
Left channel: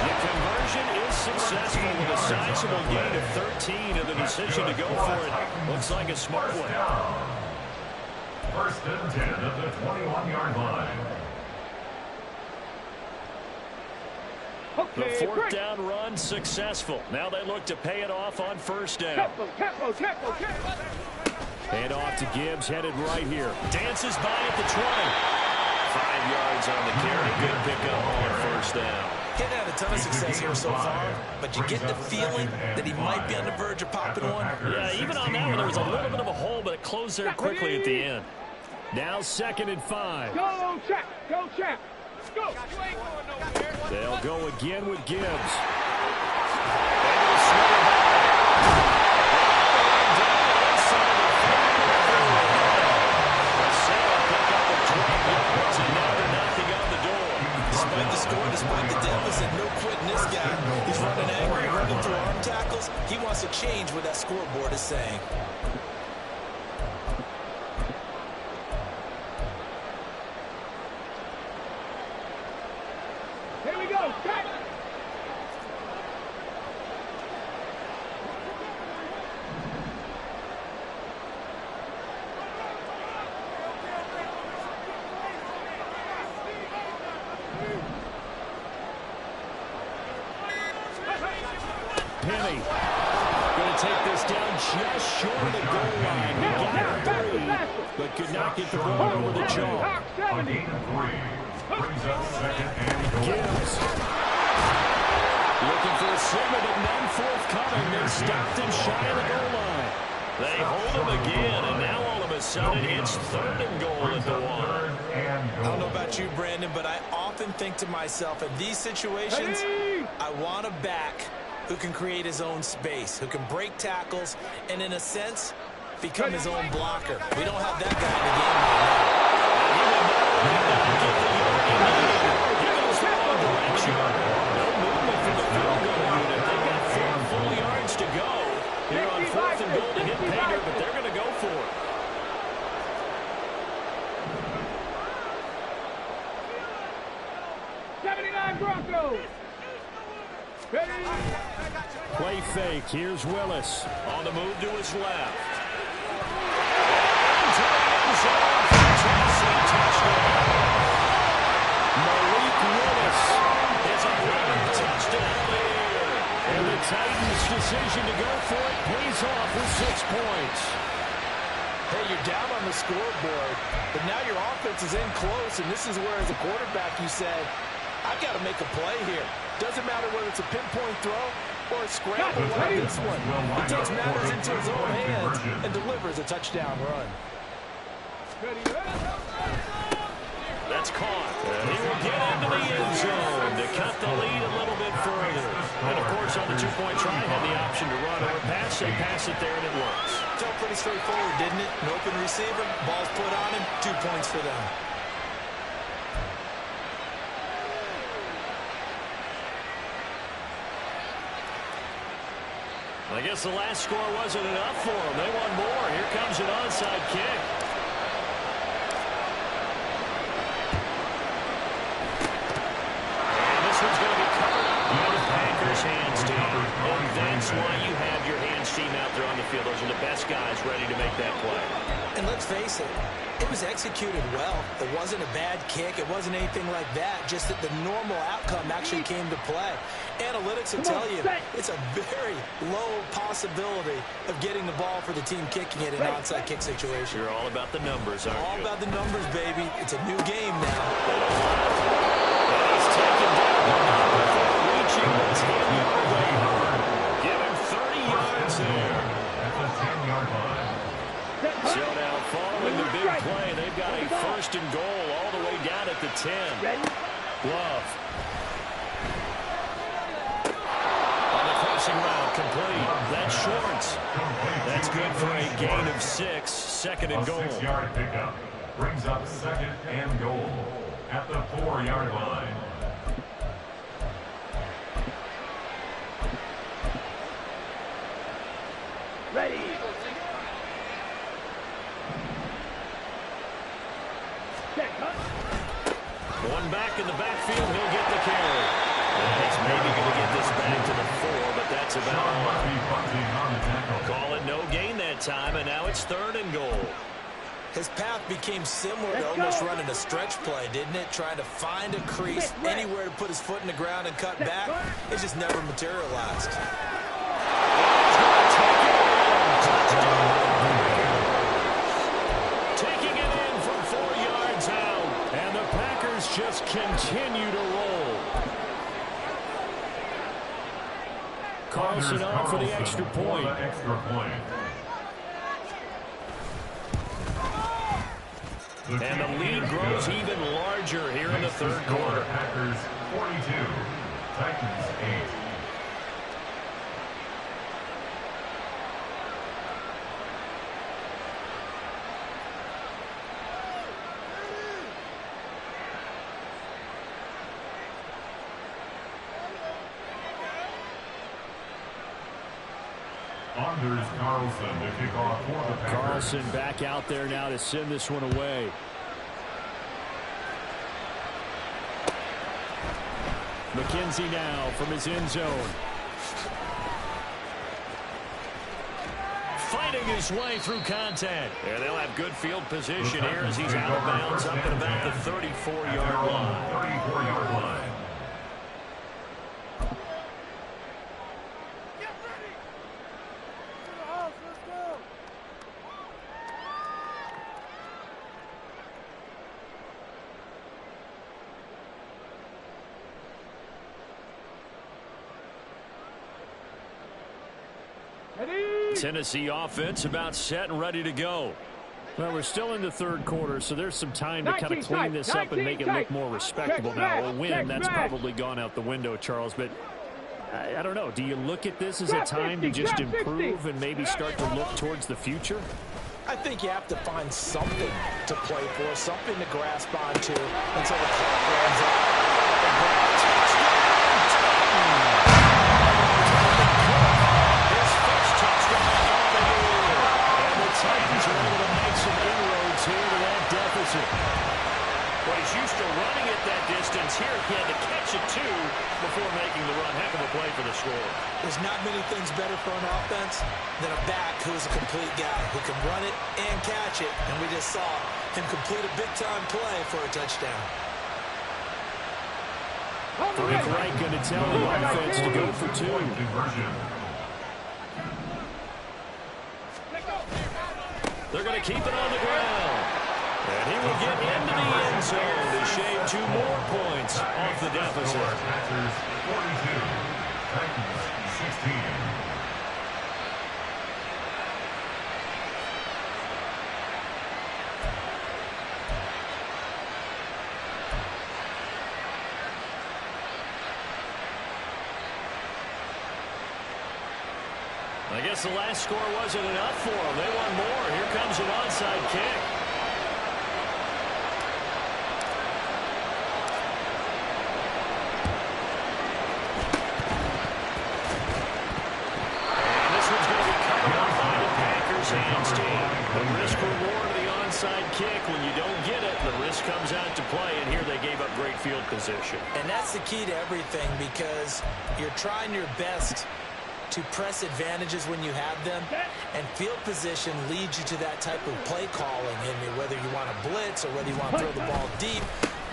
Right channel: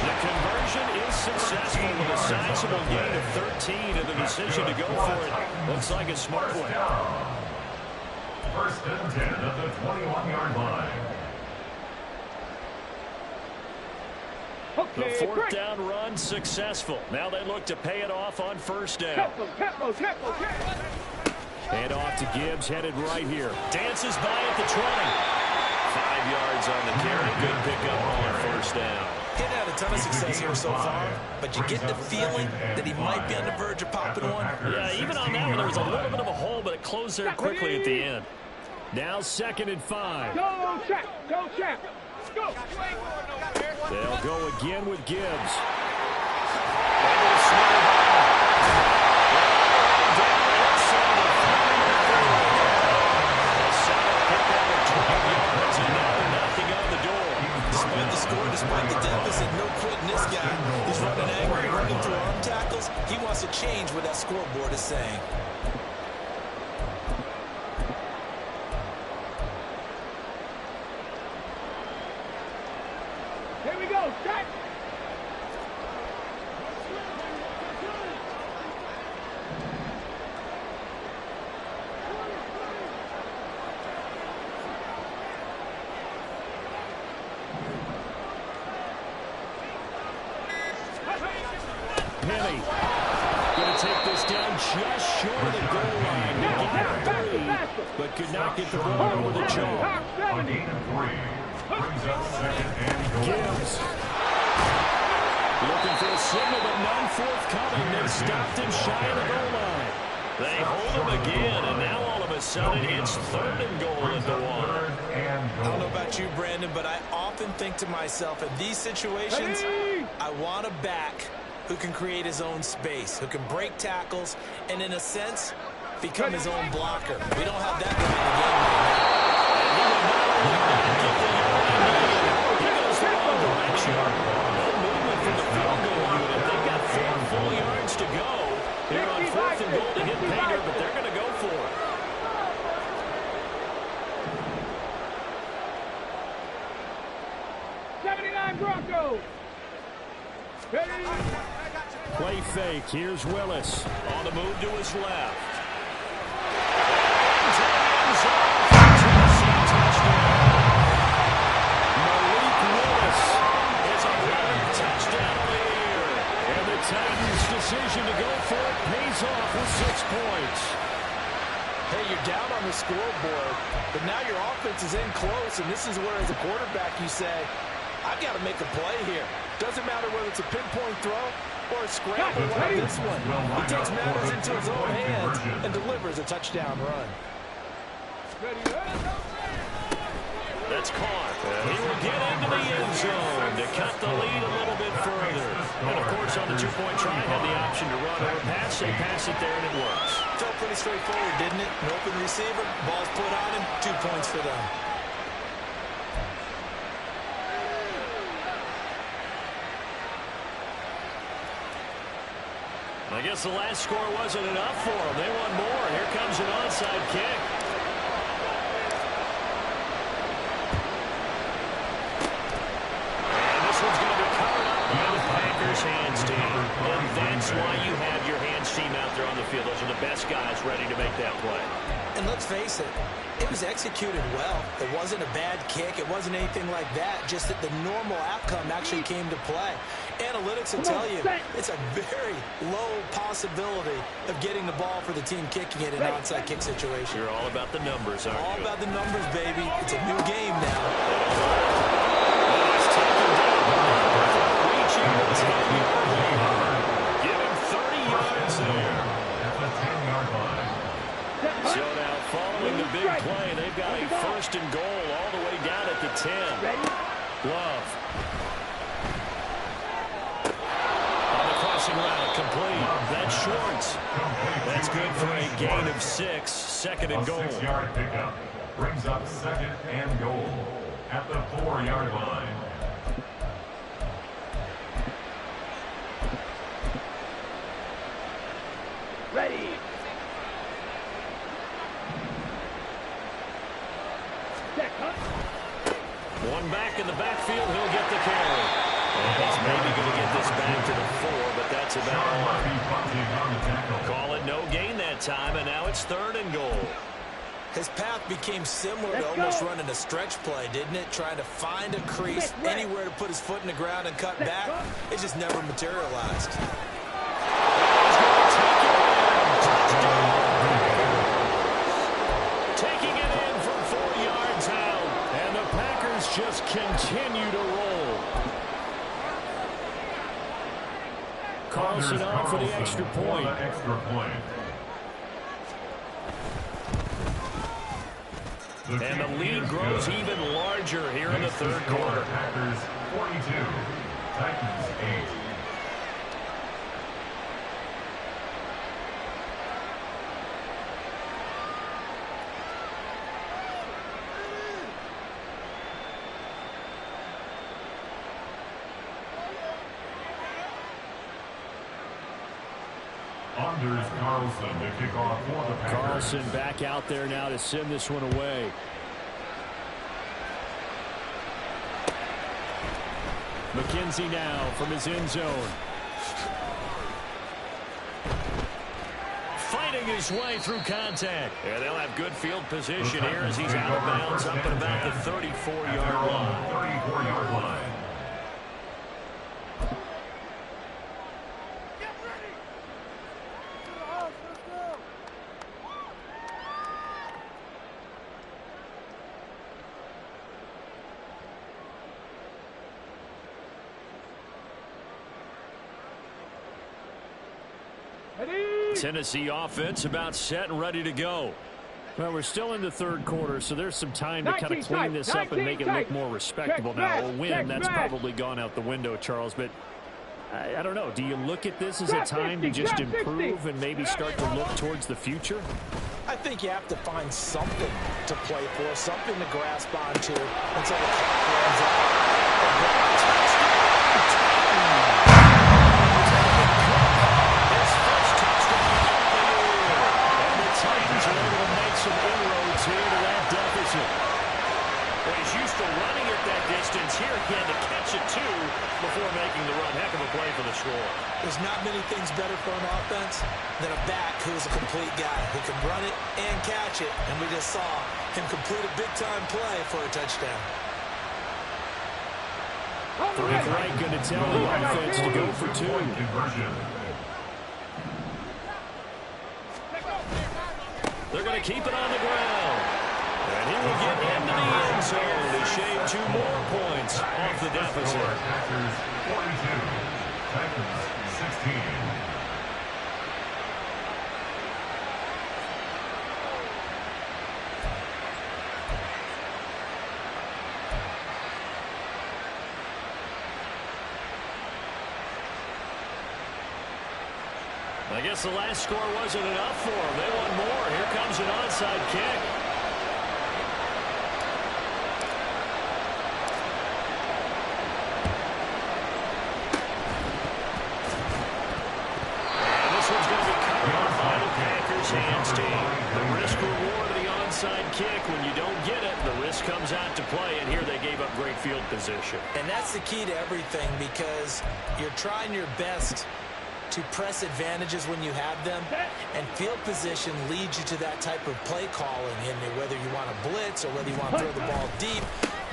The conversion is successful with a sizable gain of 13, and the decision to go for it looks like a smart one. First and 10 at the 21-yard line. The fourth down run successful. Now they look to pay it off on first down. Hand off to Gibbs, headed right here. Dances by at the 20. 5 yards on the carry. Good pickup on first down. He's had a ton of success here so far, but you get the feeling that he might be on the verge of popping one. Yeah, even on that one, there was a little bit of a hole, but it closed there quickly at the end. Now 2nd and 5. Go, Chap. Go, Chap. Go. They'll go again with Gibbs. Able to smother by. Down inside the 30. A solid pickup of 12 yards, and now they're knocking on the door. Despite the score, despite the deficit, no quitting this guy. He's running angry, running through arm tackles. He wants to change what that scoreboard is saying. Here we go. Start. Penny going to take this down just short of the goal line. He got 3, but could not get the ball over the jaw. On gain of 3. Brings up 2nd and goal. Gibbs looking for a signal, but none forthcoming. They're stopped and shy of the goal line. They hold him again, and now all of a sudden it's 3rd and goal at the 1. I don't know about you, Brandon, but I often think to myself, in these situations, I want a back who can create his own space, who can break tackles, and in a sense, become his own blocker. We don't have that guy in the game right now. And he will not only not get the yard he needed, he goes the wrong direction. No movement from the field goal unit. They've got 4 full yards to go here on 4th and goal to hit pay dirt, but they're going to go for it. Broncos. Play fake. Here's Willis on the move to his left. Into the end zone for Tennessee touchdown. Malik Willis is a running touchdown on the air. And the Titans' decision to go for it pays off with 6 points. Hey, you're down on the scoreboard, but now your offense is in close, and this is where, as a quarterback, you say, I've got to make a play here. Doesn't matter whether it's a pinpoint throw or a scramble like this one. He takes matters into his own hands and delivers a touchdown run. That's caught. He will get into the end zone to cut the lead a little bit further. And, of course, on the two-point try, had the option to run or pass. They pass it there, and it works. Felt pretty straightforward, didn't it? An open receiver, ball's put on him, 2 points for them. I guess the last score wasn't enough for them. They want more. Here comes an onside kick. And this one's going to be covered up by the Packers Packers hands team. And that's why you have your hands team out there on the field. Those are the best guys ready to make that play. And let's face it, it was executed well. It wasn't a bad kick. It wasn't anything like that. Just that the normal outcome actually came to play. Analytics will tell you it's a very low possibility of getting the ball for the team kicking it in an onside kick situation. You're all about the numbers, aren't you? All about the numbers, baby. It's a new game now. They don't lie. And he's taken down the number before reaching the 10-yard line. Give him 30 yards there. At the 10-yard line. So now, following the big play, they've got a first and goal all the way down at the 10. Love. On the crossing route, complete. That's Schwartz. That's good for a gain of 6. Second and goal. A 6-yard pickup brings up second and goal at the 4-yard line. Ready. One back in the backfield, he'll get the carry. And he's maybe going to get this back to the 4, but that's about all. Call it no gain that time, and now it's third and goal. His path became similar to almost running a stretch play, didn't it? Trying to find a crease, anywhere to put his foot in the ground and cut back. It just never materialized. He's going to take it in. Touchdown. Taking it in from 4 yards out. And the Packers just continue to roll. Carlson on for the extra point. And the lead grows even larger here in the third quarter. Packers 42, Titans 8. Anders Carlson to kick off for the Packers. Carlson back out there now to send this one away. McKenzie now from his end zone. Fighting his way through contact. And they'll have good field position here as he's out of bounds up at about the 34-yard line. 34-yard line. Tennessee offense about set and ready to go. Well, we're still in the third quarter, so there's some time to kind of clean this up and make it look more respectable. Now, a win, that's probably gone out the window, Charles, but I don't know. Do you look at this as a time to just improve and maybe start to look towards the future? I think you have to find something to play for, something to grasp onto until the clock runs out. Touchdown! Titans are able to make some inroads here to that deficit. Well, he's used to running at that distance. Here he had to catch it, too, before making the run. Heck of a play for the score. There's not many things better for an offense than a back who is a complete guy who can run it and catch it. And we just saw him complete a big-time play for a touchdown. Frank Reich going to tell the offense to go for 2. They're going to keep it on the ground. And he will get into the end zone to shave 2 more points off the deficit. Packers 42, Titans 16. I guess the last score wasn't enough for them. They want more. Here comes an onside kick. And this one's going to be covered up by the Packers hands team. The risk reward of the onside onside kick. When you don't get it, the risk comes out to play, and here they gave up great field position. And that's the key to everything, because you're trying your best to press advantages when you have them, and field position leads you to that type of play calling. And whether you want to blitz or whether you want to throw the ball deep,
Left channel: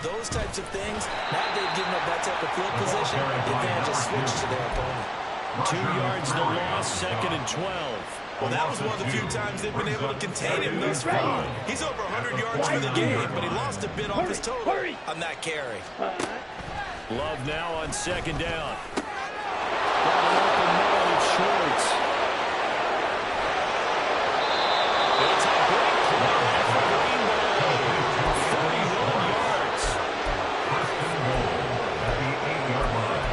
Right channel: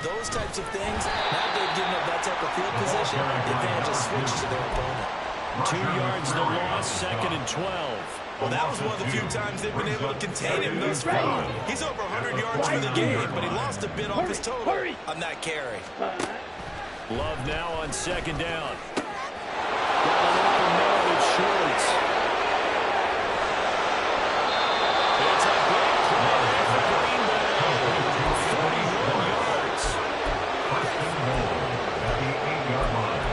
those types of things, now they've given up that type of field position, the advantage is switched to their opponent. 2 yards the loss, 2nd and 12. Well, that was one of the few times they've been able to contain him thus far. He's over 100 yards for the game, but he lost a bit off his total on that carry. Love now on 2nd down. Got an open man, it's Schwartz. It's a big play there for Green Bay. 41 yards. First and goal at the 8-yard line.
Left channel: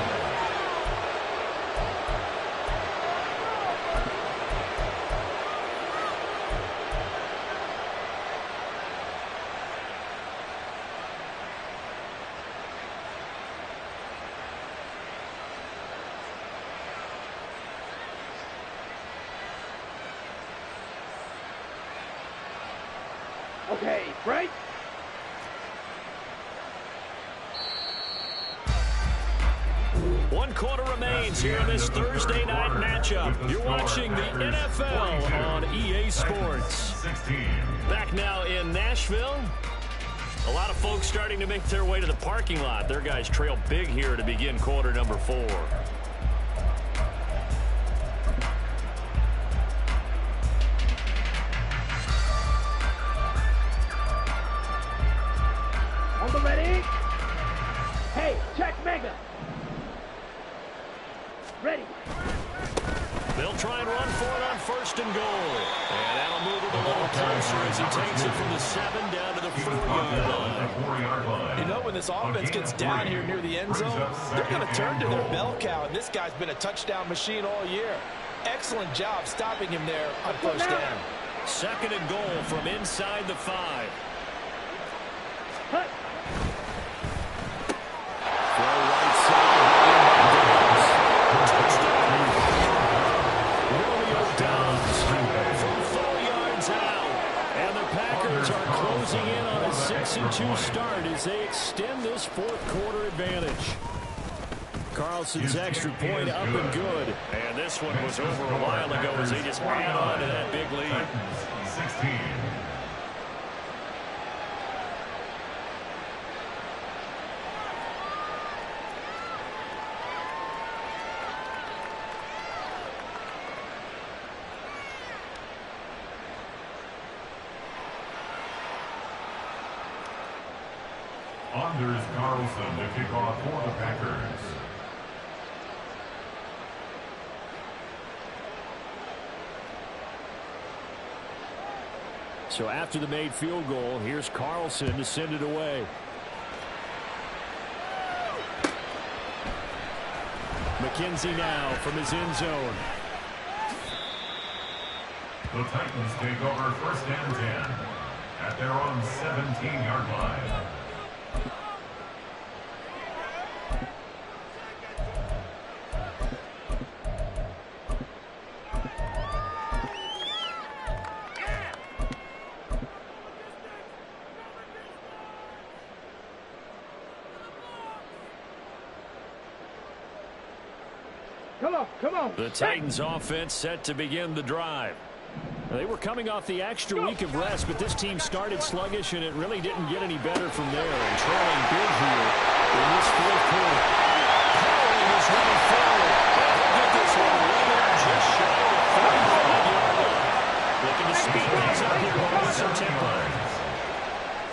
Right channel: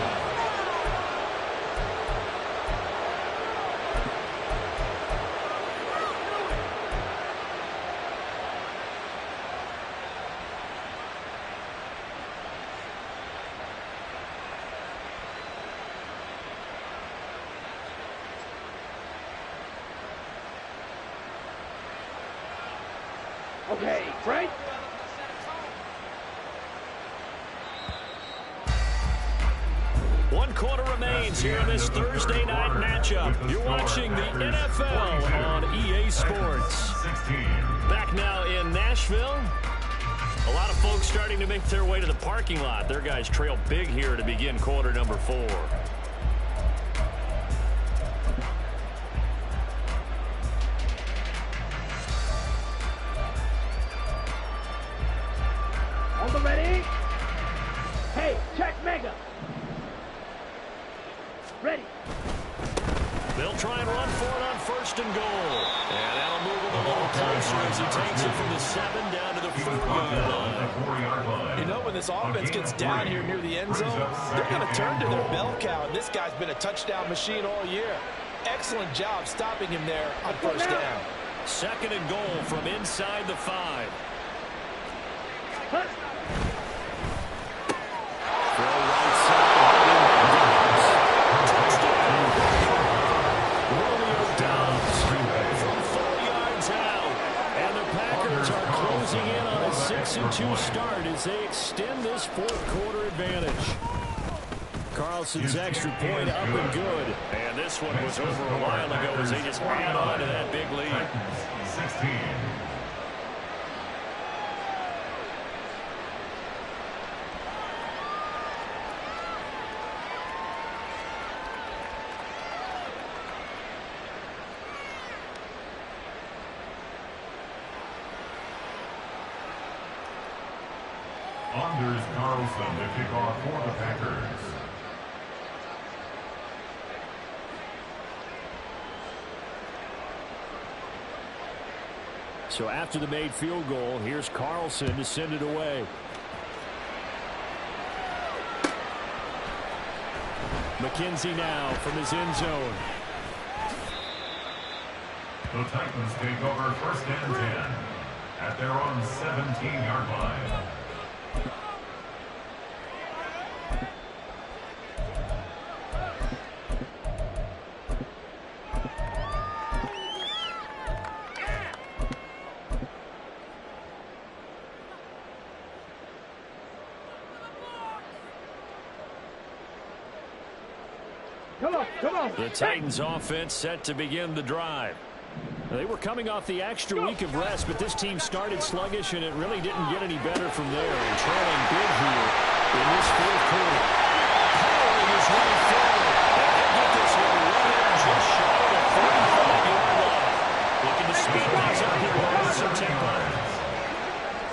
Okay, Frank. One quarter remains here in this Thursday night matchup. You're watching the NFL on EA Sports. Back now in Nashville. A lot of folks starting to make their way to the parking lot. Their guys trail big here to begin quarter number 4. On the ready. Hey, check mega. Ready. They'll try and run for it on 1st and goal. And that'll move him a little closer as he takes it from the 7 down to the 4-yard line. You know, when this offense gets down here near the end zone, they're going to turn to their bell cow, and this guy's been a touchdown machine all year. Excellent job stopping him there on 1st down. 2nd and goal from inside the 5. Hut. Throw right side. Touchdown. Romeo Dobbs from 4 yards out. And the Packers are closing in on a 6-2 start as they extend this 4th quarter advantage. Carlson's extra point up and good. And this one was over a while ago as they just add on to that big lead. 16. Anders Carlson to kick off for the Packers. So after the made field goal, here's Carlson to send it away. McKenzie now from his end zone. The Titans take over 1st and 10 at their own 17-yard line. Come on. The Titans offense set to begin the drive. They were coming off the extra week of rest, but this team started sluggish, and it really didn't get any better from there. And trailing big here in this 4th quarter. Powering his way forward. And he'll get this one way in just shy of the 35-yard line. Looking to speed things up here with some tempo.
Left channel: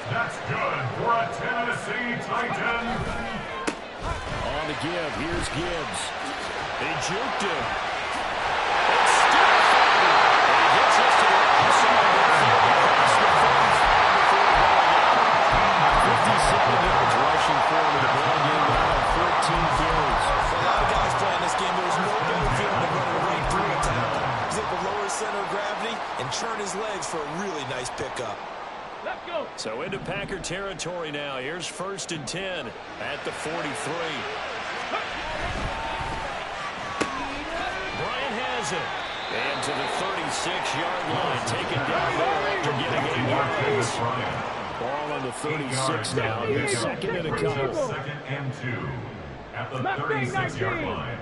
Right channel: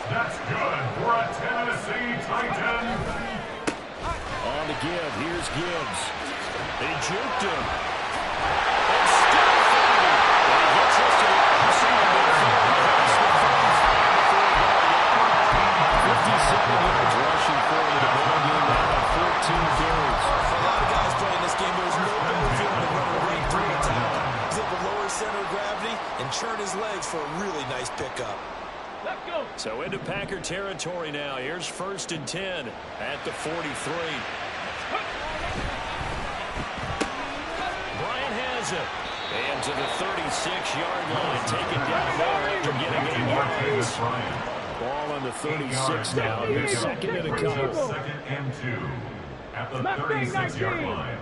That's good for a Tennessee Titan. On the give, here's Gibbs. They juked him. It's still fighting. And he gets us to the outside midfield across the 35 before going out. 57 yards rushing forward in the ball game now on 14 carries. For a lot of guys playing this game, there's no better feeling than running right through a tackle. He's able to lower his center of gravity and churn his legs for a really nice pickup. Let's go. So into Packer territory now. Here's 1st and 10 at the 43. Bryant has it. And to the 36-yard line, taken down there after getting 8 yards. Ball on the 36 now. Here's second and a couple. Second and 2 at the 36-yard line.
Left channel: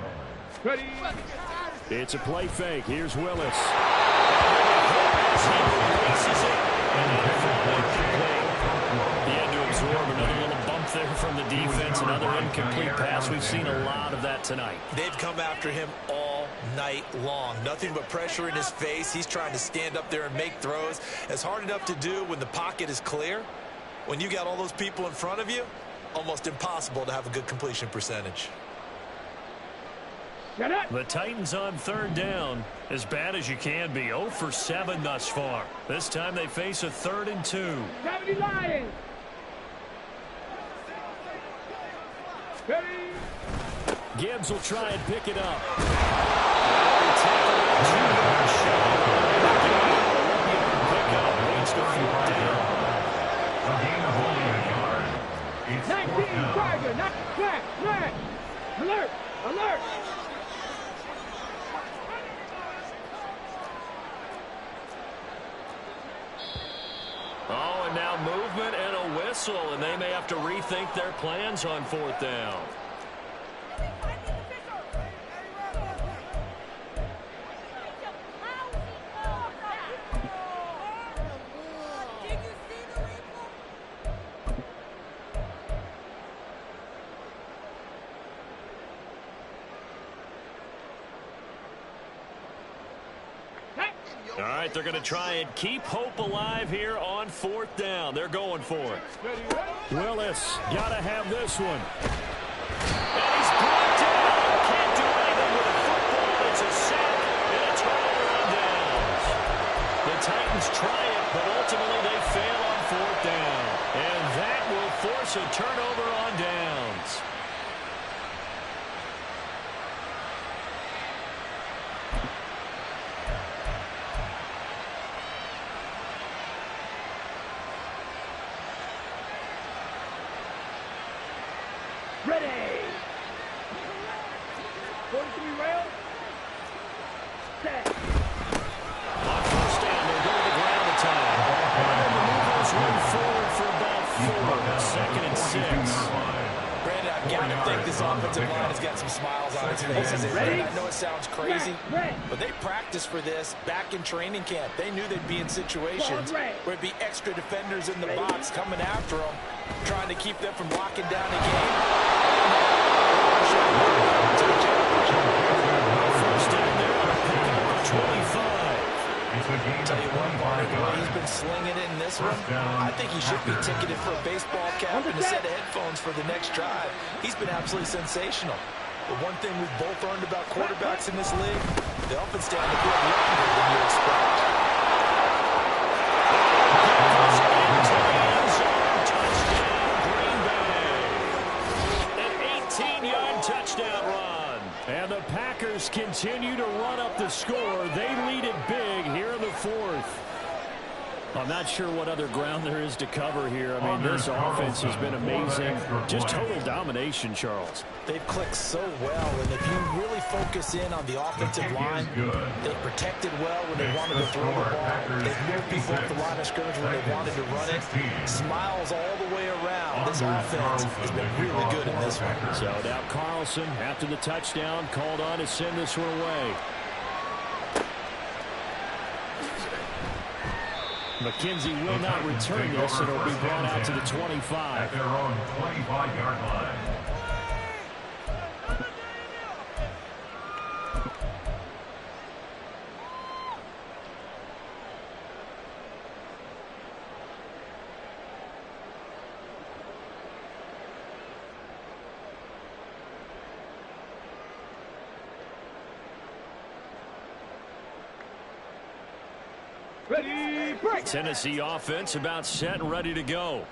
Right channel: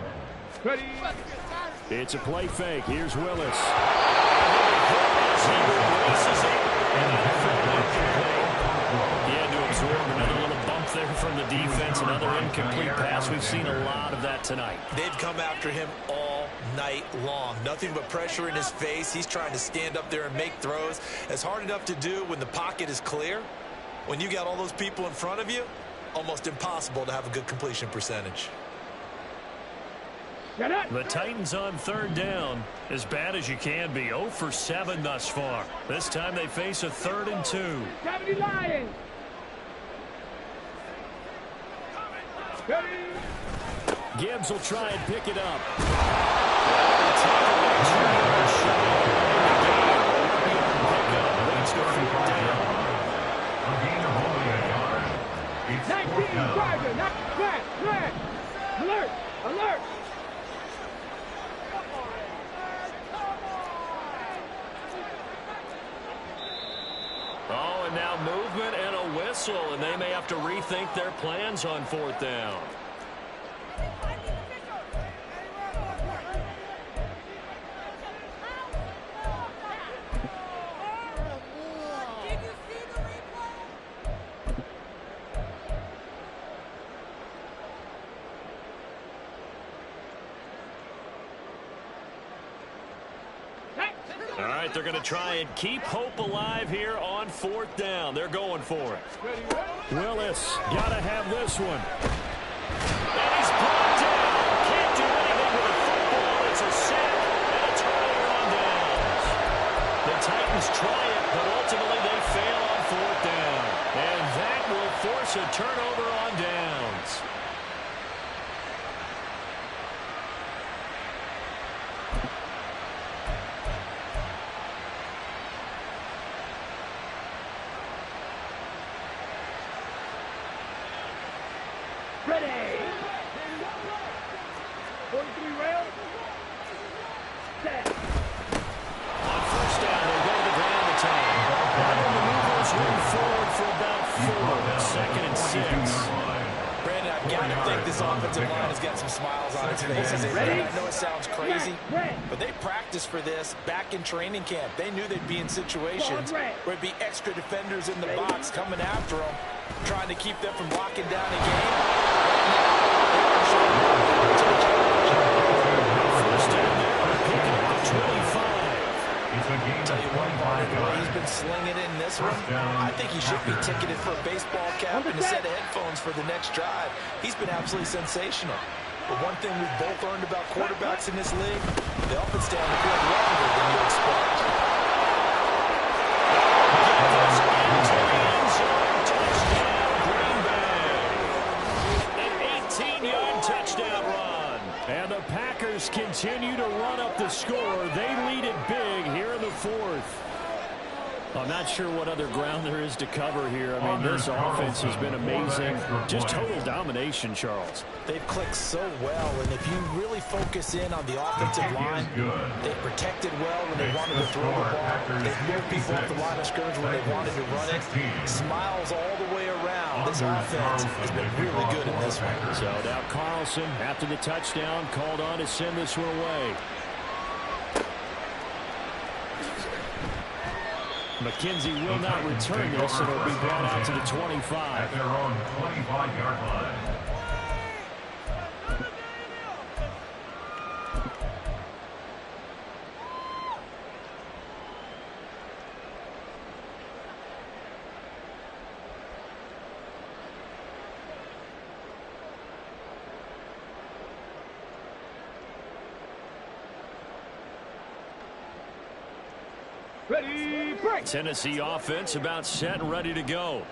It's a play fake. Here's Willis. And he'll be hit as he releases it. And that'll fall incomplete. He had to absorb another little bump there from the defense. Another incomplete pass. We've seen a lot of that tonight. They've come after him all night long. Nothing but pressure in his face. He's trying to stand up there and make throws. It's hard enough to do when the pocket is clear. When you got all those people in front of you, almost impossible to have a good completion percentage. The Titans on third down, as bad as you can be. 0 for 7 thus far. This time they face a 3rd and 2. 70 Lions. Gibbs will try and pick it up. Well, tackled at 2 yards shy of the game. A 1-yard pickup leads to 4th down. A gain of only a yard. It's 19 Tiger, not flat, flat. Alert, alert. Oh, and now movement and a whistle, and they may have to rethink their plans on 4th down. All right, they're going to try and keep hope alive here on 4th down. They're going for it. Willis got to have this one. And he's brought down. Can't do anything with a football. It's a sack and a turnover on downs. The Titans try it, but ultimately they fail on 4th down. And that will force a turnover on downs. Ready. 43 rail. Set. On 1st down, they'll go to the ground attack. And then the movers move forward for about 4. 2nd and 6. Brandon, I've got to think this offensive line has got some smiles on its faces. Ready? I know it sounds crazy, but they practiced for this back in training camp. They knew they'd be in situations where it'd be extra defenders in the box coming after them, trying to keep them from locking down a game. Right now, they want to show them to the challenge. 1st down there, they're picking up the 25. Tell you what, Mark, the way he's been slinging it in this one, I think he should be ticketed for a baseball cap and a set of headphones for the next drive. He's been absolutely sensational. But one thing we've both learned about quarterbacks in this league, they often stay on the field longer than you expect. Goes into the end zone. Touchdown, Green Bay. An 18-yard touchdown run. And the Packers continue to run up the score. They lead it big here in the 4th. I'm not sure what other ground there is to cover here. I mean, this offense has been amazing. Just total domination, Charles. They've clicked so well, and if you really focus in on the offensive line, they protected well when they wanted to throw the ball. They've moved people off the line of scrimmage when they wanted to run it. Smiles all the way around. This offense has been really good in this one. So now Carlson, after the touchdown, called on to send this one away. McKenzie will not return this, and it'll be brought out to the 25. At their own 25-yard line. Ready, break. Tennessee offense about set and ready to go.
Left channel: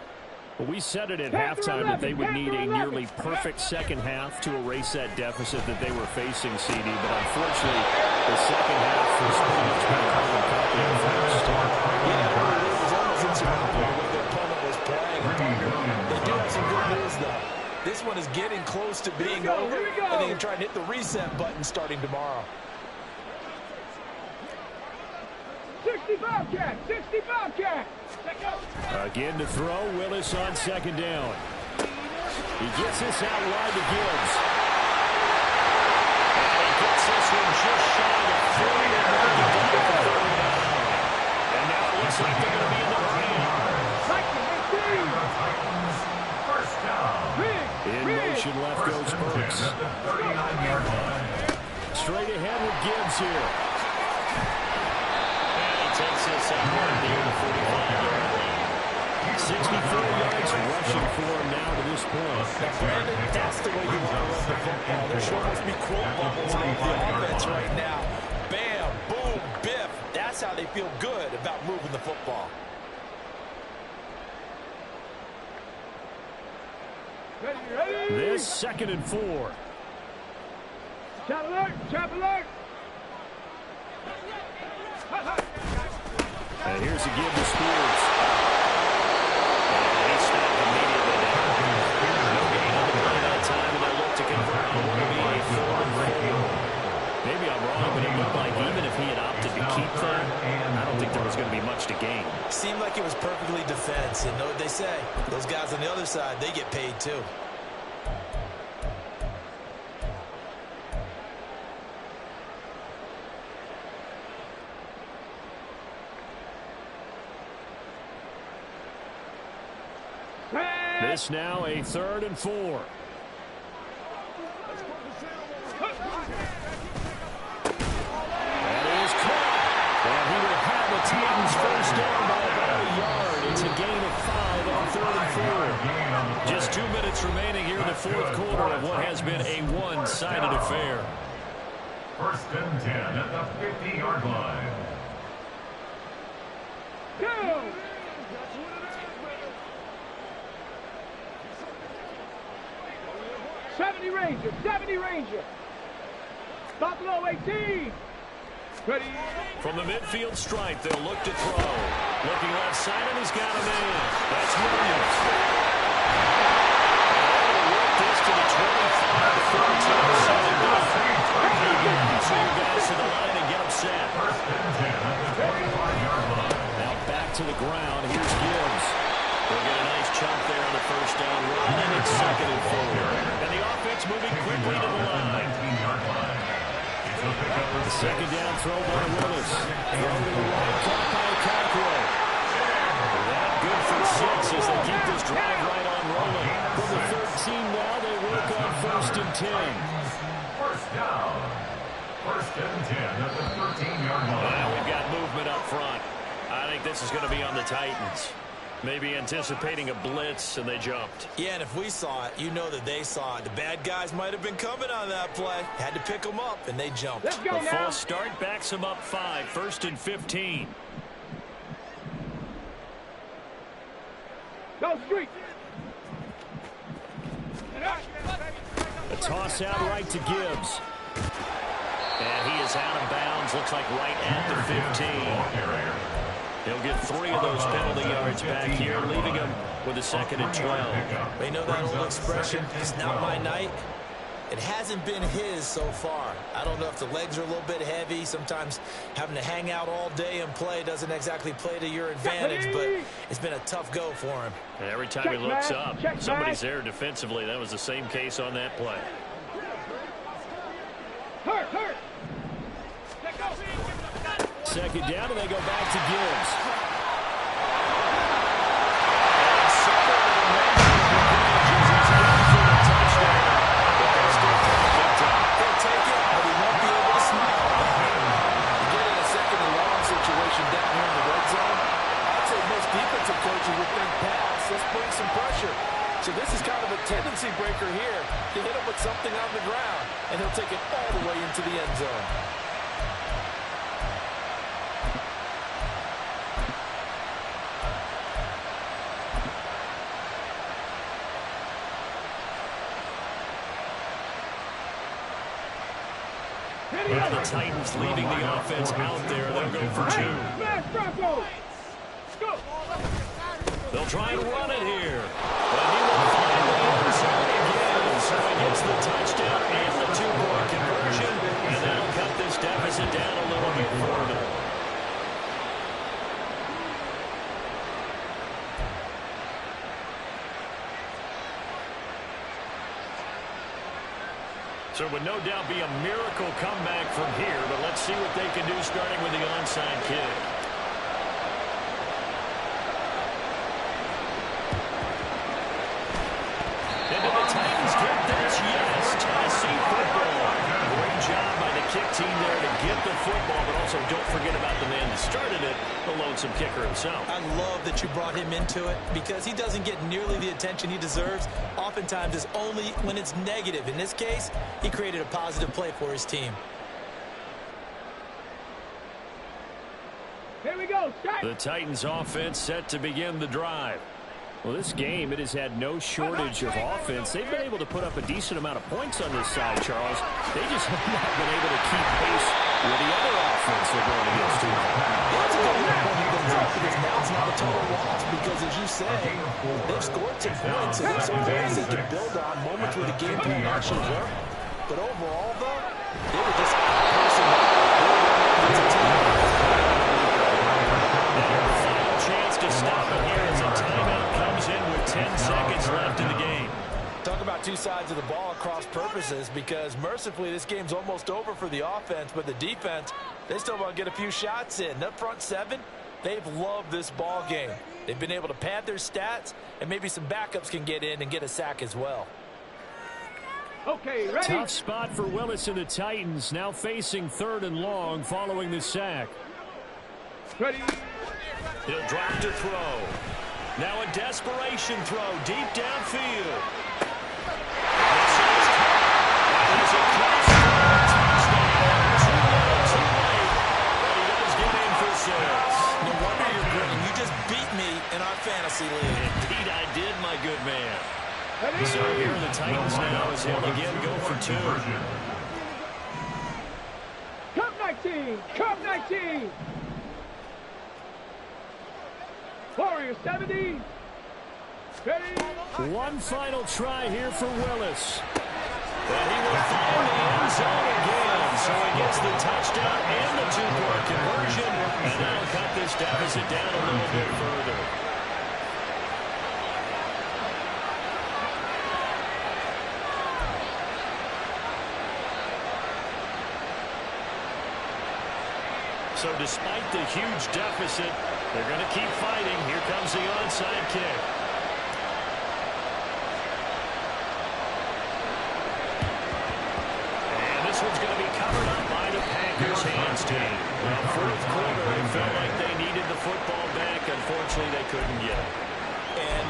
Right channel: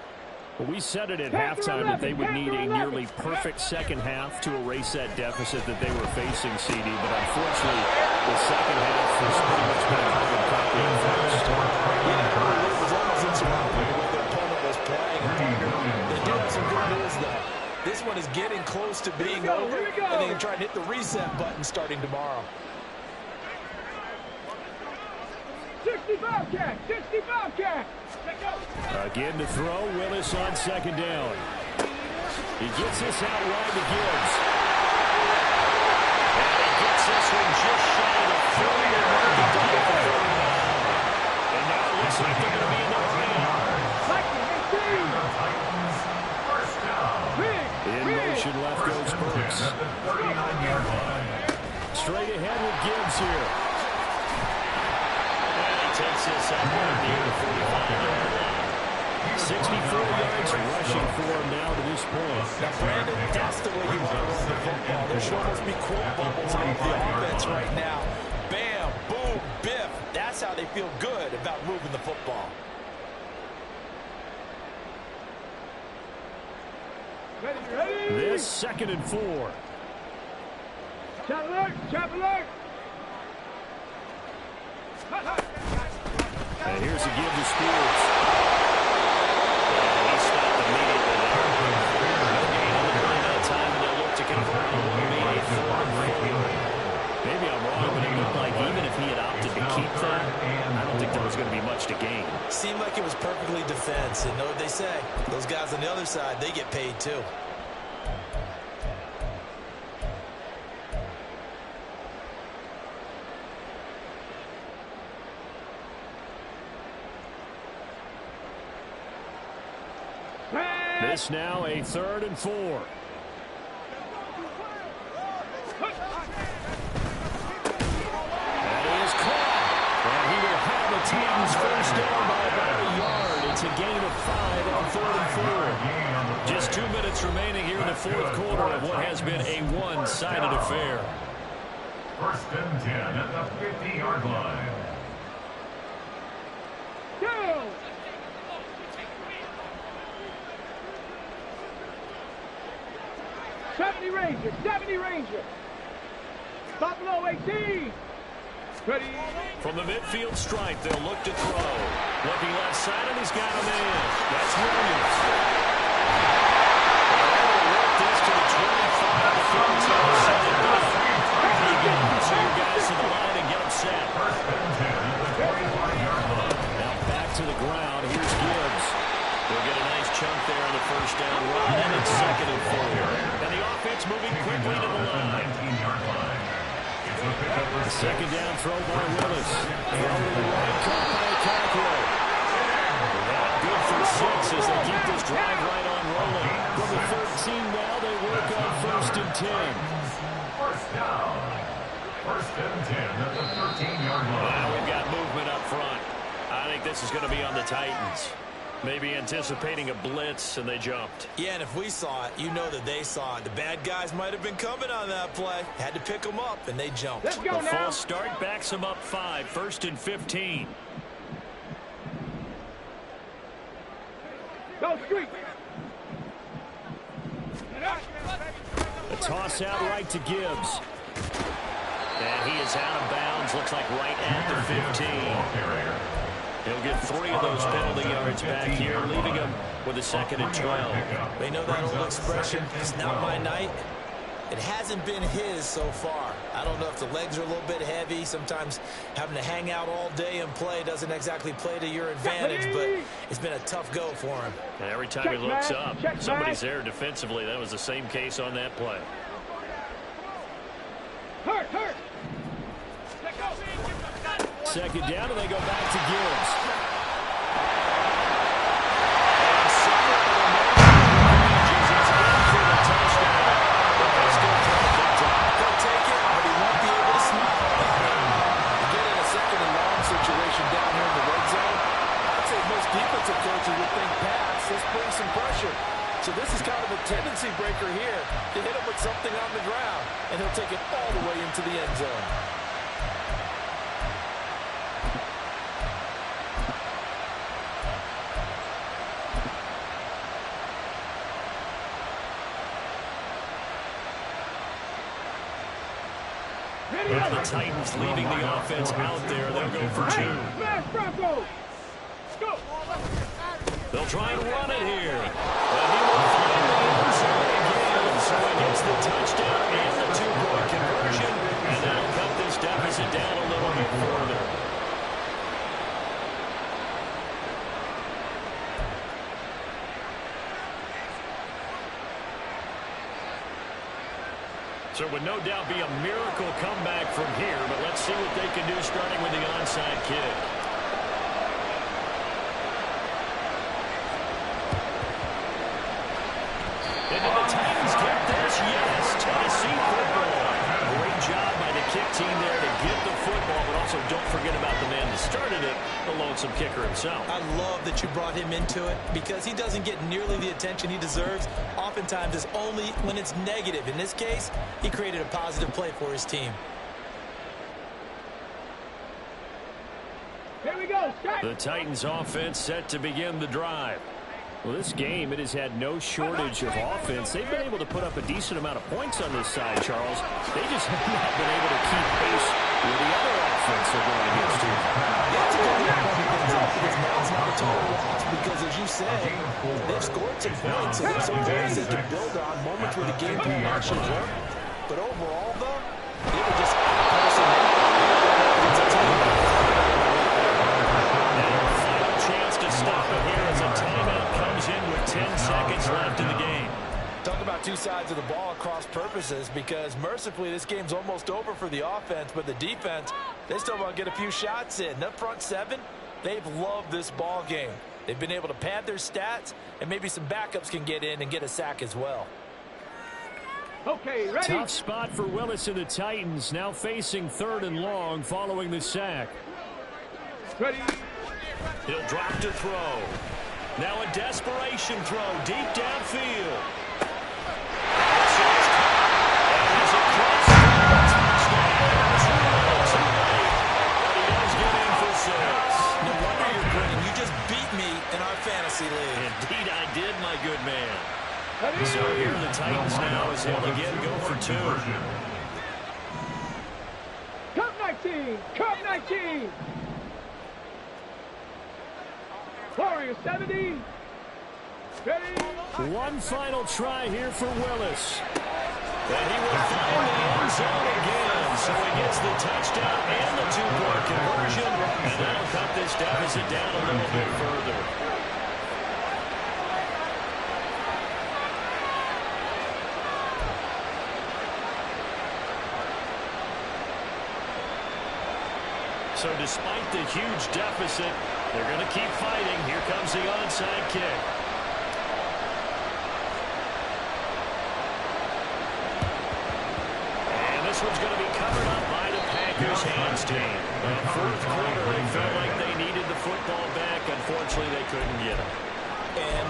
We said it at halftime that they would need a nearly perfect second half to erase that deficit that they were facing, CD, but unfortunately the second half was pretty much been a carbon copy of the first. Yeah, it was almost insurmountable the way their opponent was playing. They do have some good news, though. This one is getting close to being over, and they can try and hit the reset button starting tomorrow. 60 Bobcat. 60 Bobcat. Again to throw. Willis on second down. He gets this out wide to Gibbs. And he gets this one just shy of 40 and marking down for 39. And now it looks like they're going to be in the green. In motion, left goes Burks. Straight ahead with Gibbs here. And he takes this upward near the 45-yard line. 64 yards rushing for him now to this point. Now, Brandon, that's the way you want to run the football. There should almost be quote bubbles on the offense right now. Bam, boom, biff. That's how they feel good about moving the football. Ready. This 2nd and 4. Chop alert. Chop alert. And here's a give to Spears. And he stopped immediately there. No gain on the play that time, and they'll look to convert on what will be a 3rd and 4. Maybe I'm wrong, but it looked like even if he had opted to keep that, I don't think there was going to be much to gain. Seemed like it was perfectly defense. And know what they say? Those guys on the other side, they get paid too. This now a 3rd and 4. That is caught. And he will have the Titans first down by about a yard. It's a gain of 5 on 3rd and 4. Just 2 minutes remaining here in the 4th quarter of what has been a one-sided affair. 1st and 10 at the 50-yard line. Go. 70 Ranger. 70 Ranger. Buffalo 18. Ready. From the midfield stripe, they'll look to throw. Looking left side, and he's got a man. That's Williams. And able to work this to the 25 to 32. Set it down. Again, so your guys to the line and get them set. 1st and 10 at the 25-yard line. Now back to the ground. Here's Gibbs. They'll get a nice chunk there on the first down run, and it's 2nd and 4. And the offense moving quickly to the line. 19-yard line. The 2nd down throw by Willis. Throw to the right, caught by Cockrell. That good for 6 as they keep this drive right on rolling. From the 13 now, they work on 1st and 10. 1st down. 1st and 10 at the 13-yard line. Now we've got movement up front. I think this is going to be on the Titans. Maybe anticipating a blitz, and they jumped. Yeah, and if we saw it, you know that they saw it. The bad guys might have been coming on that play. Had to pick them up, and they jumped. Let's go The now. false start backs them up 5. 1st and 15. Go street. A toss out right to Gibbs. And he is out of bounds. Looks like right at the 15. He'll get 3 of those penalty yards back here, leaving him with a 2nd and 12. They know that old expression, it's not my night. It hasn't been his so far. I don't know if the legs are a little bit heavy. Sometimes having to hang out all day and play doesn't exactly play to your advantage, but it's been a tough go for him. And every time he looks up, somebody's there defensively. That was the same case on that play. Hurt. 2nd down, and they go back to Gibbs. And somewhere in the nation of the is in for the touchdown. But they still take a big time. They'll take it, but he won't be able to smile about it. You get in a 2nd and long situation down here in the red zone, I'd say most defensive coaches would think pass. Let's bring some pressure. So this is kind of a tendency breaker here to hit him with something on the ground, and he'll take it all the way into the end zone. Well, the Titans leaving the offense out there. They'll go for 2. Smash Bronco. Go. They'll try and run it here. But he will find the end zone again. So he gets the touchdown and the 2-point conversion. And that'll cut this deficit down a little bit further. So it would no doubt be a miracle comeback from here, but let's see what they can do starting with the onside kick. And did the Titans get this? Yes, Tennessee football. Great job by the kick team there to get the football, but also don't forget about the man that started it, the lonesome kicker himself. I love that you brought him into it because he doesn't get nearly the attention he deserves. Oftentimes it's only when it's negative. In this case, he created a positive play for his team. Here we go. Start. The Titans offense set to begin the drive. Well, this game, it has had no shortage of offense. They've been able to put up a decent amount of points on this side, Charles. They just have not been able to keep pace with the other offense they're going against here. Yeah, it's a good point you bring up because now it's not a total loss because, as you said, they've scored some points and there's some points they can build on, moments where the game plan actually worked. But overall, though, they were just out-posting them. They were going up against a team. Chance to stop it here as a timeout comes in with 10 seconds left in the game. Talk about two sides of the ball at cross purposes because mercifully this game's almost over for the offense, but the defense, they still want to get a few shots in. That front seven, they've loved this ball game. They've been able to pad their stats, and maybe some backups can get in and get a sack as well. Okay, ready. Tough spot for Willis and the Titans, now facing 3rd and long following the sack. Ready. He'll drop to throw. Now a desperation throw deep downfield. This is caught. And he's across the touchdown. Too little, too late. But he does get in for 6. No wonder you're grinning. You just beat me in our fantasy league. Indeed I did, my good man. Ready. So here are the Titans now as he'll again go for 2. Cup 19. Cup 19. Warrior 70. Ready. One final try here for Willis. And he will find the end zone again. So he gets the touchdown and the 2-point conversion. And that'll cut this deficit down a little bit further. So despite the huge deficit, they're going to keep fighting. Here comes the onside kick. And this one's going to be covered up by the Packers hands team. Well, 4th quarter, they felt like they needed the football back. Unfortunately, they couldn't get it. And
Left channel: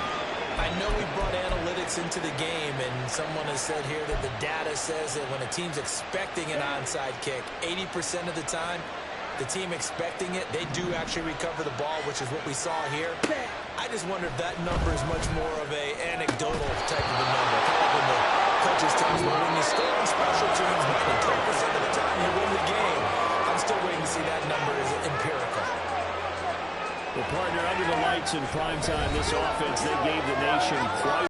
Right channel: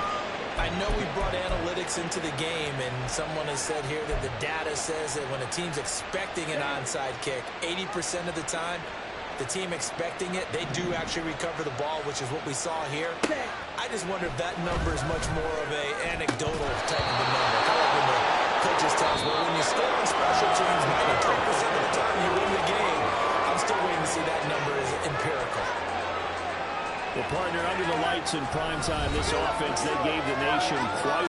I know we brought analytics into the game, and someone has said here that the data says that when a team's expecting an onside kick, 80% of the time, the team expecting it, they do actually recover the ball, which is what we saw here. I just wonder if that number is much more of a anecdotal type of a number. Kind of like when the coaches tell us, well, when you score on special teams, 93% of the time you win the game. I'm still waiting to see that number is empirical. Well, partner, under the lights in primetime, this offense, they gave the nation quite